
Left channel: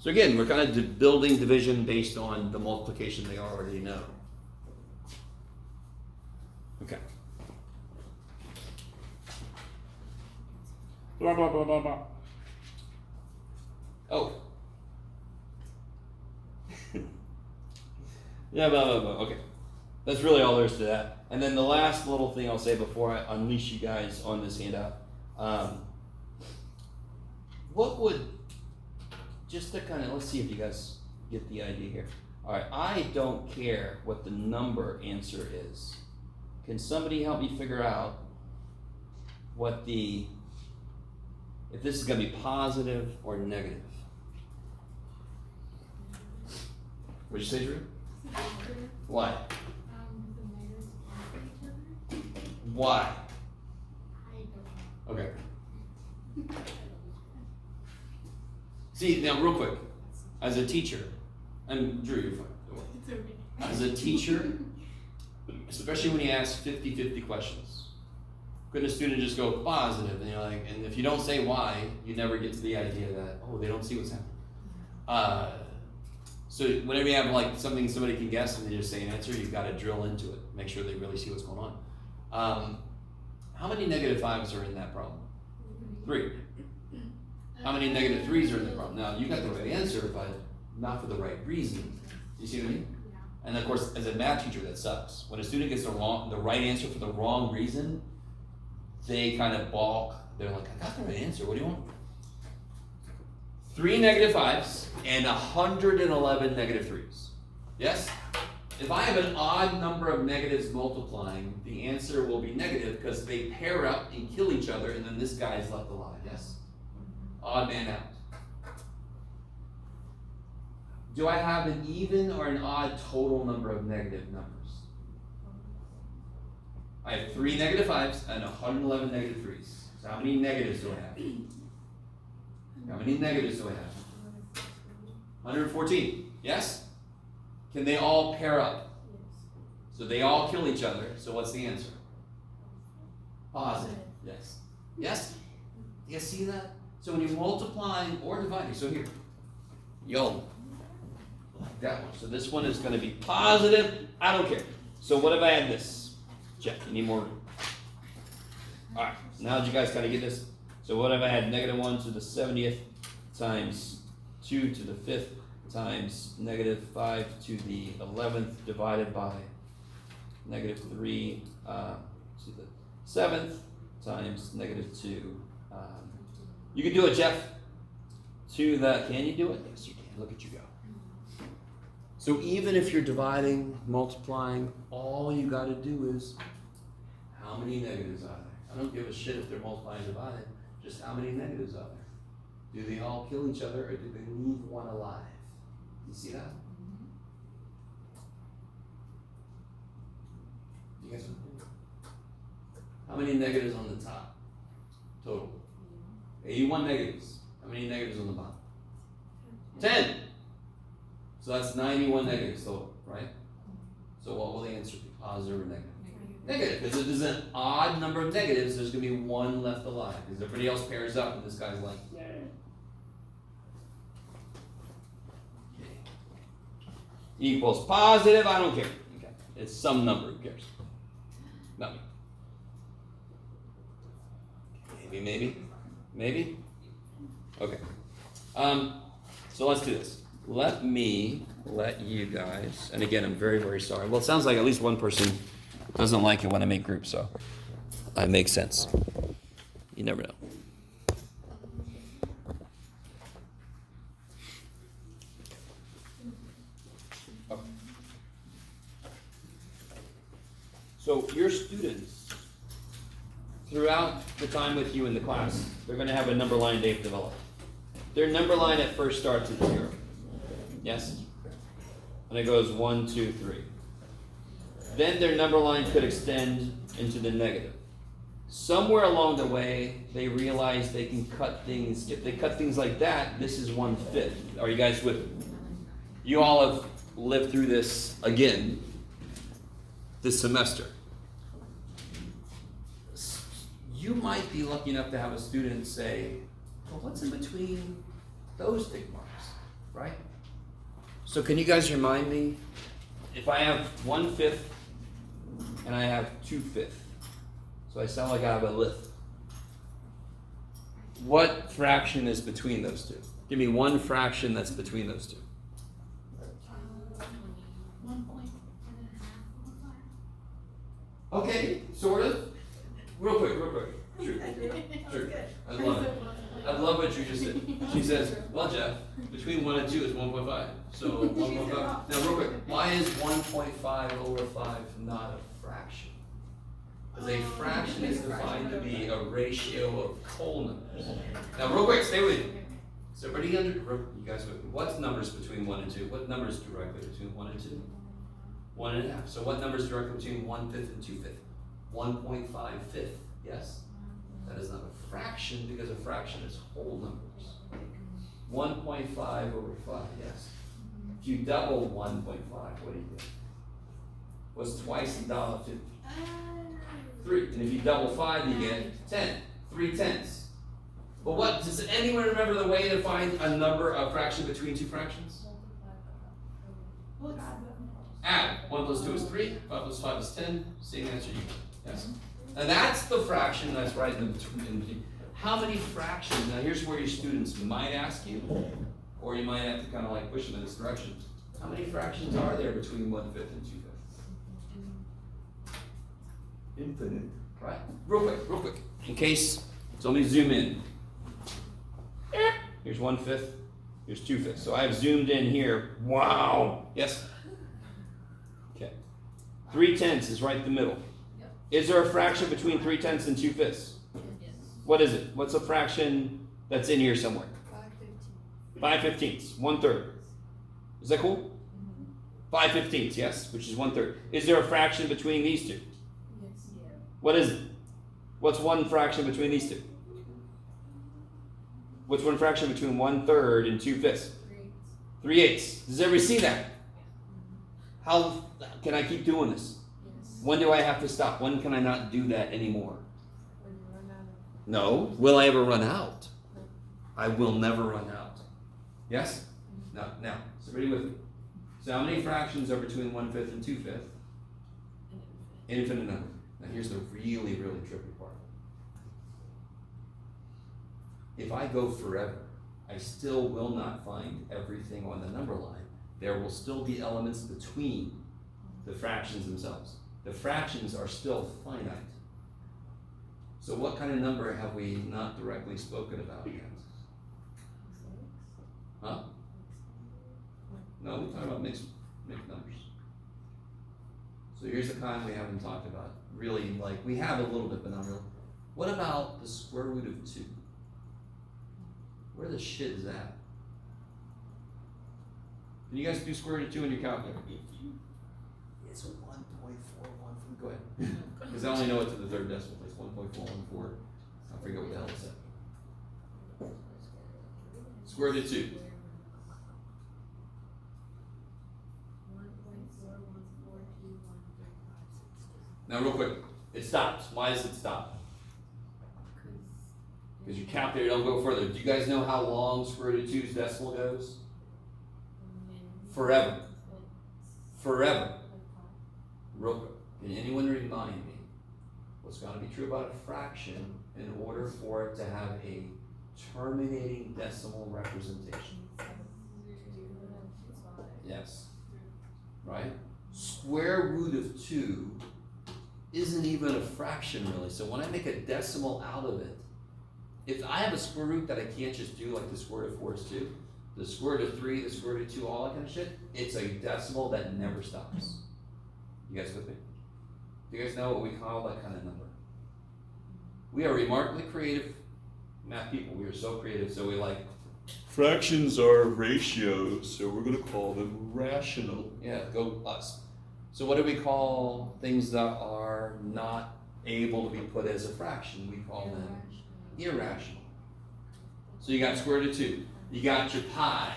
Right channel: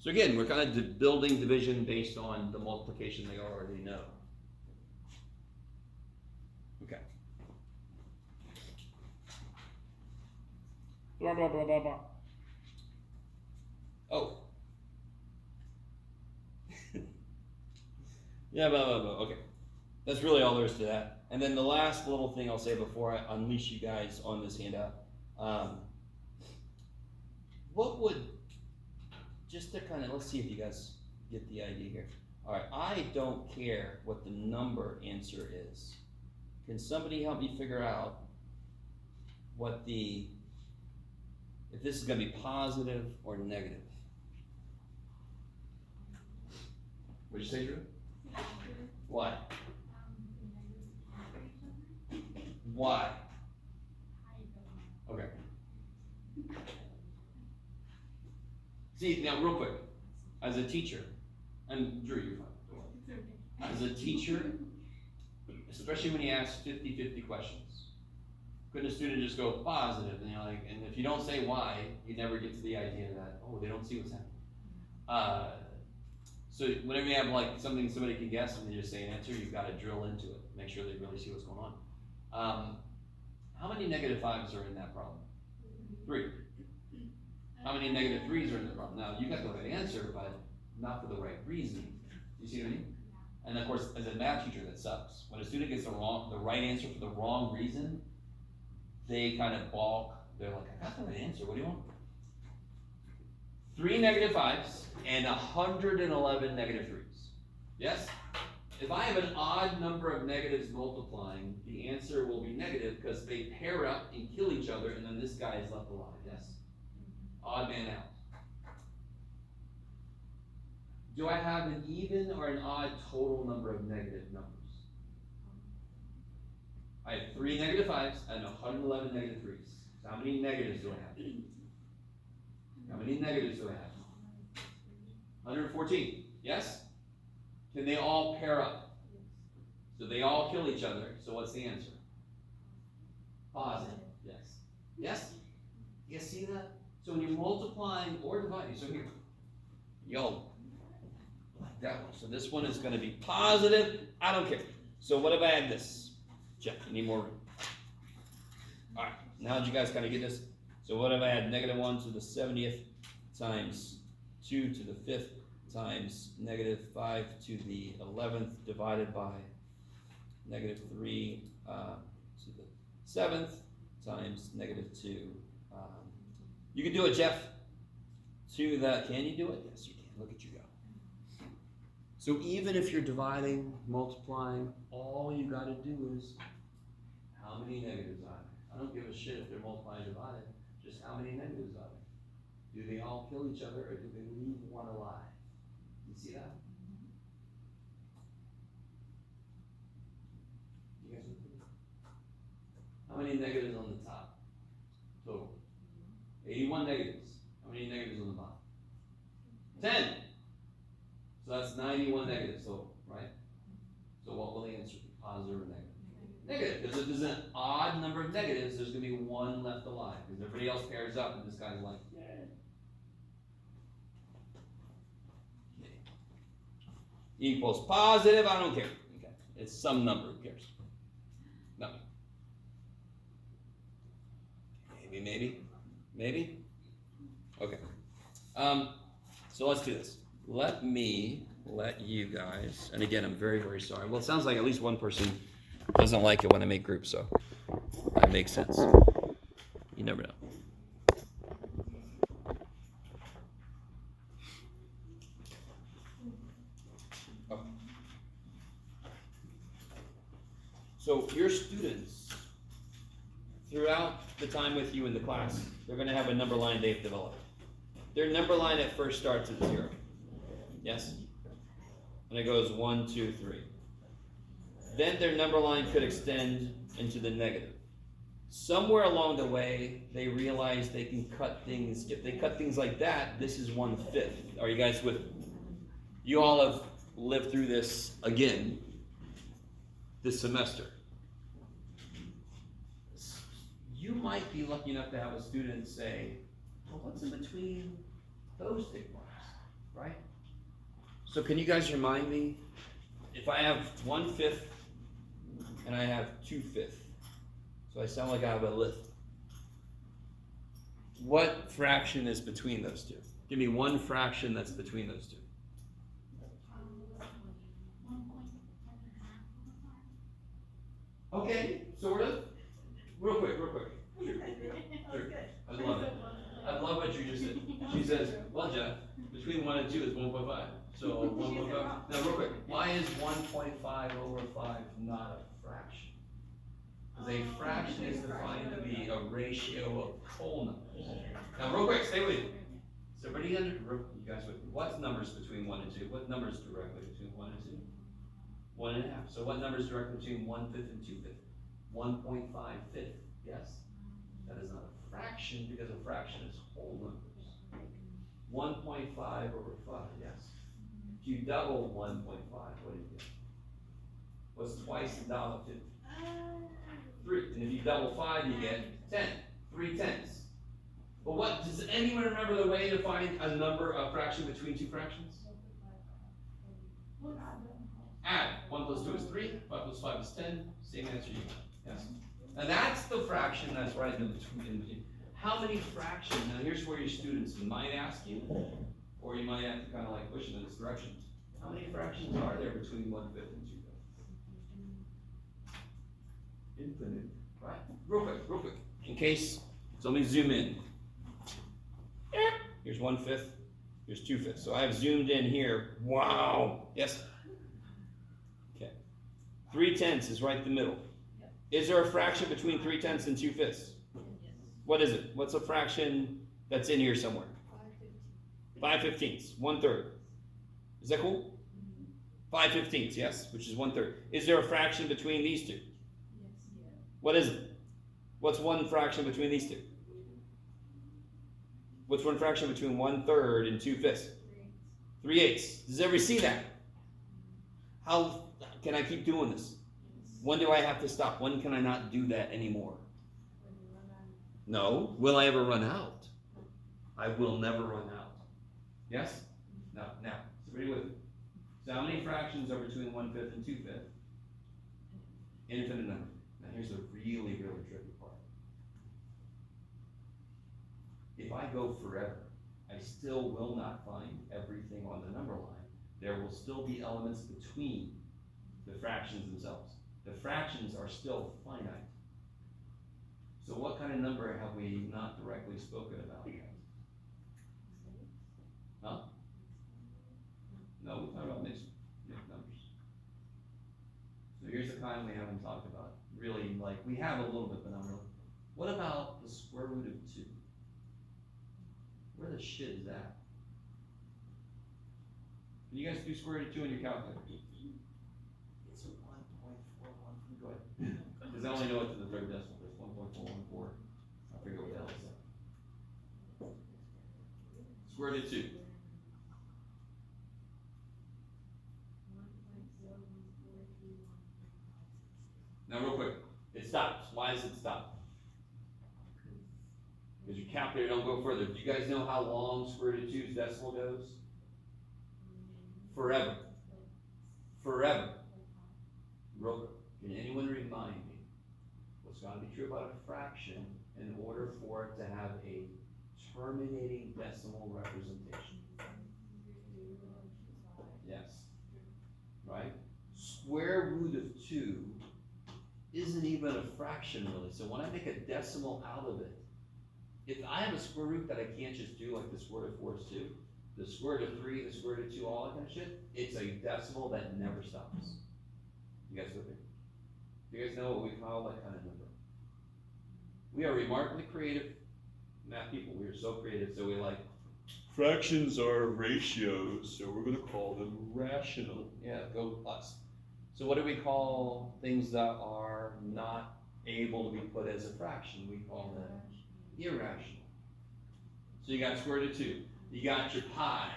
So again, we're kind of building division based on the multiplication they already know. Okay. Blah, blah, blah, blah, blah. Oh. Yeah, blah, blah, blah. Okay. That's really all there is to that. And then the last little thing I'll say before I unleash you guys on this handout. What would, just to kind of, let's see if you guys get the idea here. All right, I don't care what the number answer is. Can somebody help me figure out what if this is going to be positive or negative? What'd you say, Drew? Why? Why? Okay. See, now real quick, as a teacher, and Drew, you're fine. Don't worry. It's okay. As a teacher, especially when you ask 50-50 questions, could a student just go positive, and you're like, and if you don't say why, you never get to the idea that, oh, they don't see what's happening. So whenever you have like something somebody can guess and they just say an answer, you've got to drill into it, make sure they really see what's going on. How many -5s are in that problem? 3. How many -3s are in the problem? Now, you got the right answer, but not for the right reason. Do you see what I mean? Yeah. And of course, as a math teacher, that sucks. When a student gets the right answer for the wrong reason, they kind of balk. They're like, I got the right answer, what do you want? 3 -5s and 111 -3s. Yes? if I have an odd number of negatives multiplying, the answer will be negative because they pair up and kill each other, and then this guy is left alive, yes? Odd man out. Do I have an even or an odd total number of negative numbers? I have 3 negative 5s and 111 negative 3s. So how many negatives do I have? How many negatives do I have? 114. Yes? Can they all pair up? So they all kill each other. So what's the answer? Positive. Yes. Yes? You see that? So when you're multiplying or dividing, so here, y'all like that one. So this one is going to be positive. I don't care. So what if I add this? Check. You need more. All right. Now that you guys kind of get this. So what if I add negative 1 to the 70th times 2 to the 5th times negative 5 to the 11th divided by negative 3 to the 7th times negative 2. You can do it, Jeff. To the, can you do it? Yes, you can. Look at you go. So even if you're dividing, multiplying, all you got to do is how many negatives are there? I don't give a shit if they're multiplying and dividing. Just how many negatives are there? Do they all kill each other or do they leave one alive? You see that? You guys, how many negatives on the top? Total. 81 negatives. How many negatives on the bottom? 10. So that's 91 negatives total, right? So what will the answer be? Positive or negative? Negative, because if there's an odd number of negatives, there's going to be one left alive, because everybody else pairs up, and this guy's like, yeah. Okay. Equals positive, I don't care. Okay. It's some number, who cares? Not me. Maybe? Okay. So let's do this. Let you guys, and again, I'm very, very sorry. Well, it sounds like at least one person doesn't like it when I make groups, so that makes sense. You never know. Okay. So your students, throughout the time with you in the class, they're going to have a number line they've developed. Their number line at first starts at 0. Yes? And it goes 1, 2, 3. Then their number line could extend into the negative. Somewhere along the way, they realize they can cut things. If they cut things like that, this is 1/5. Are you guys with me? You all have lived through this again this semester. You might be lucky enough to have a student say, well, what's in between those tick marks, right? So can you guys remind me, if I have 1/5 and I have 2/5, so I sound like I have a lift. What fraction is between those two? Give me one fraction that's between those two. 1.5. Okay, sort of. Real quick. Sure. I love it. I love what you just said. She says, well, Jeff, between 1 and 2 is 1.5. So 1.5. Now, real quick, why is 1.5 over 5 not a fraction? Because a fraction is defined to be a ratio of whole numbers. Now, real quick, stay with me. So, everybody you guys, what's numbers between 1 and 2? What numbers directly between 1 and 2? 1.5. So, what numbers directly between 1/5 and 2/5? 1.5/5. Yes? That is not a fraction because a fraction is whole numbers. 1.5 over 5, yes. If you double 1.5, what do you get? What's twice $1.50? 3. And if you double 5, you get 10. 3/10. But what, does anyone remember the way to find a number, a fraction between two fractions? Add. 1 plus 2 is 3, 5 plus 5 is 10. Same answer you get. Yes? And that's the fraction that's right in between. How many fractions? Now here's where your students might ask you, or you might have to kind of like push them in this direction. How many fractions are there between 1/5 and 2/5? Infinite. Right? Real quick. In case, so let me zoom in. Here's 1/5, here's 2/5. So I've zoomed in here. Wow. Yes? 3/10 is right in the middle. Is there a fraction between 3/10 and 2/5? What is it? What's a fraction that's in here somewhere? 5/15, 1/3. Is that cool? 5/15, yes, which is 1/3. Is there a fraction between these two? What is it? What's one fraction between these two? What's one fraction between 1/3 and 2/5? 3/8. Does everybody see that? How can I keep doing this? When do I have to stop? When can I not do that anymore? No. Will I ever run out? I will never run out. Yes? No. Now, is everybody with me? So how many fractions are between 1/5 and 2/5? Infinite number. Now here's the really, really tricky part. If I go forever, I still will not find everything on the number line. There will still be elements between the fractions themselves. The fractions are still finite. So what kind of number have we not directly spoken about yet? Huh? No, we talk about mixed numbers. So here's the kind we haven't talked about. Really, like, we have a little bit, but not really. What about the square root of 2? Where the shit is that? Can you guys do square root of 2 in your calculator? It's a 1.414. Go ahead. Because I only know it to the third decimal place. 1.414. I forget what the hell it said. Square root of 2. Now, real quick, it stops. Why does it stop? Because your calculator don't go further. Do you guys know how long square root of 2's decimal goes? Forever. Forever. Real quick, can anyone remind me what's going to be true about a fraction in order for it to have a terminating decimal representation? Yes. Right? Square root of 2 isn't even a fraction really. So when I make a decimal out of it, if I have a square root that I can't just do like the square root of 4 is 2, the square root of 3, the square root of 2, all that kind of shit, it's a decimal that never stops. You guys with me? Do you guys know what we call that kind of number? We are remarkably creative math people. We are so creative, so we like, fractions are ratios, so we're going to call them rational. Yeah, go us. So what do we call things that are not able to be put as a fraction? We call them irrational. So you got square root of 2. You got your pi.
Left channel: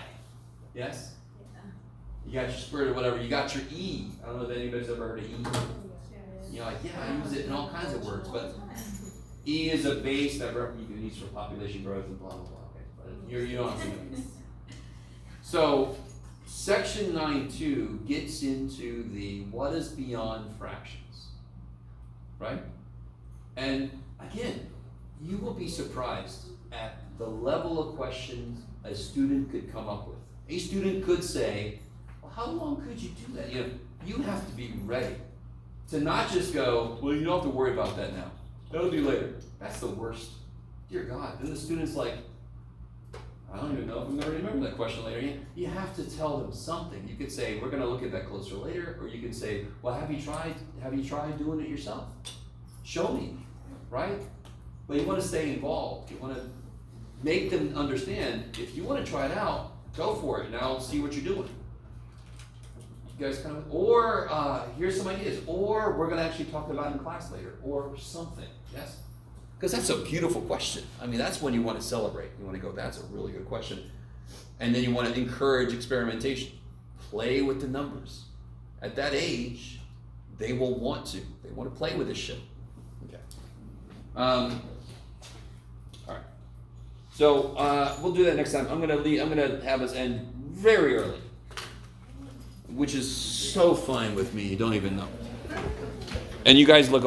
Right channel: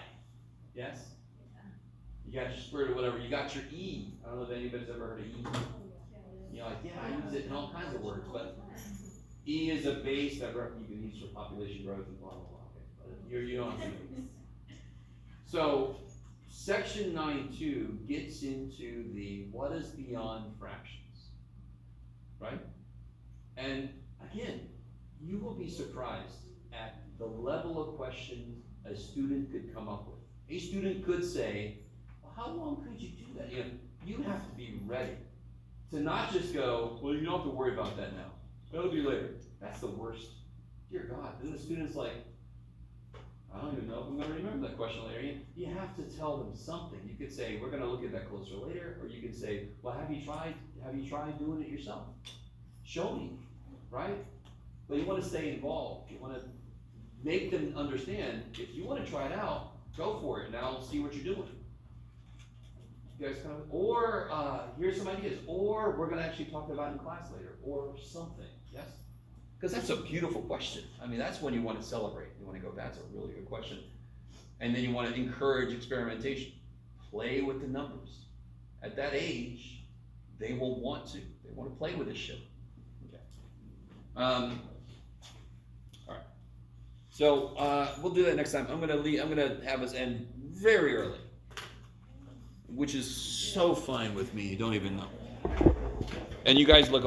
Yes? You got your square root of whatever. You got your e. I don't know if anybody's ever heard of e. You're like, yeah, I use it in all kinds of words, but e is a base that you can use for population growth and blah, blah, blah. Okay? But you don't have to know it. So, section 9.2 gets into the what is beyond fractions, right? And again, you will be surprised at the level of questions a student could come up with. A student could say, well, how long could you do that? You have to be ready to not just go, well, you don't have to worry about that now. That'll do later. That's the worst. Dear God. Then the student's like, I don't even know if I'm going to remember that question later. You have to tell them something. You could say, we're going to look at that closer later, or you could say, well, have you tried doing it yourself? Show me, right? But you want to stay involved. You want to make them understand, if you want to try it out, go for it. Now see what you're doing. You guys kind of, or here's some ideas, or we're going to actually talk about it in class later, or something, yes? Because that's a beautiful question. I mean, that's when you want to celebrate. You want to go, that's a really good question. And then you want to encourage experimentation. Play with the numbers. At that age, they will want to. They want to play with this shit. Okay. All right. So we'll do that next time. I'm gonna have us end very early, which is so fine with me. You don't even know. And you guys look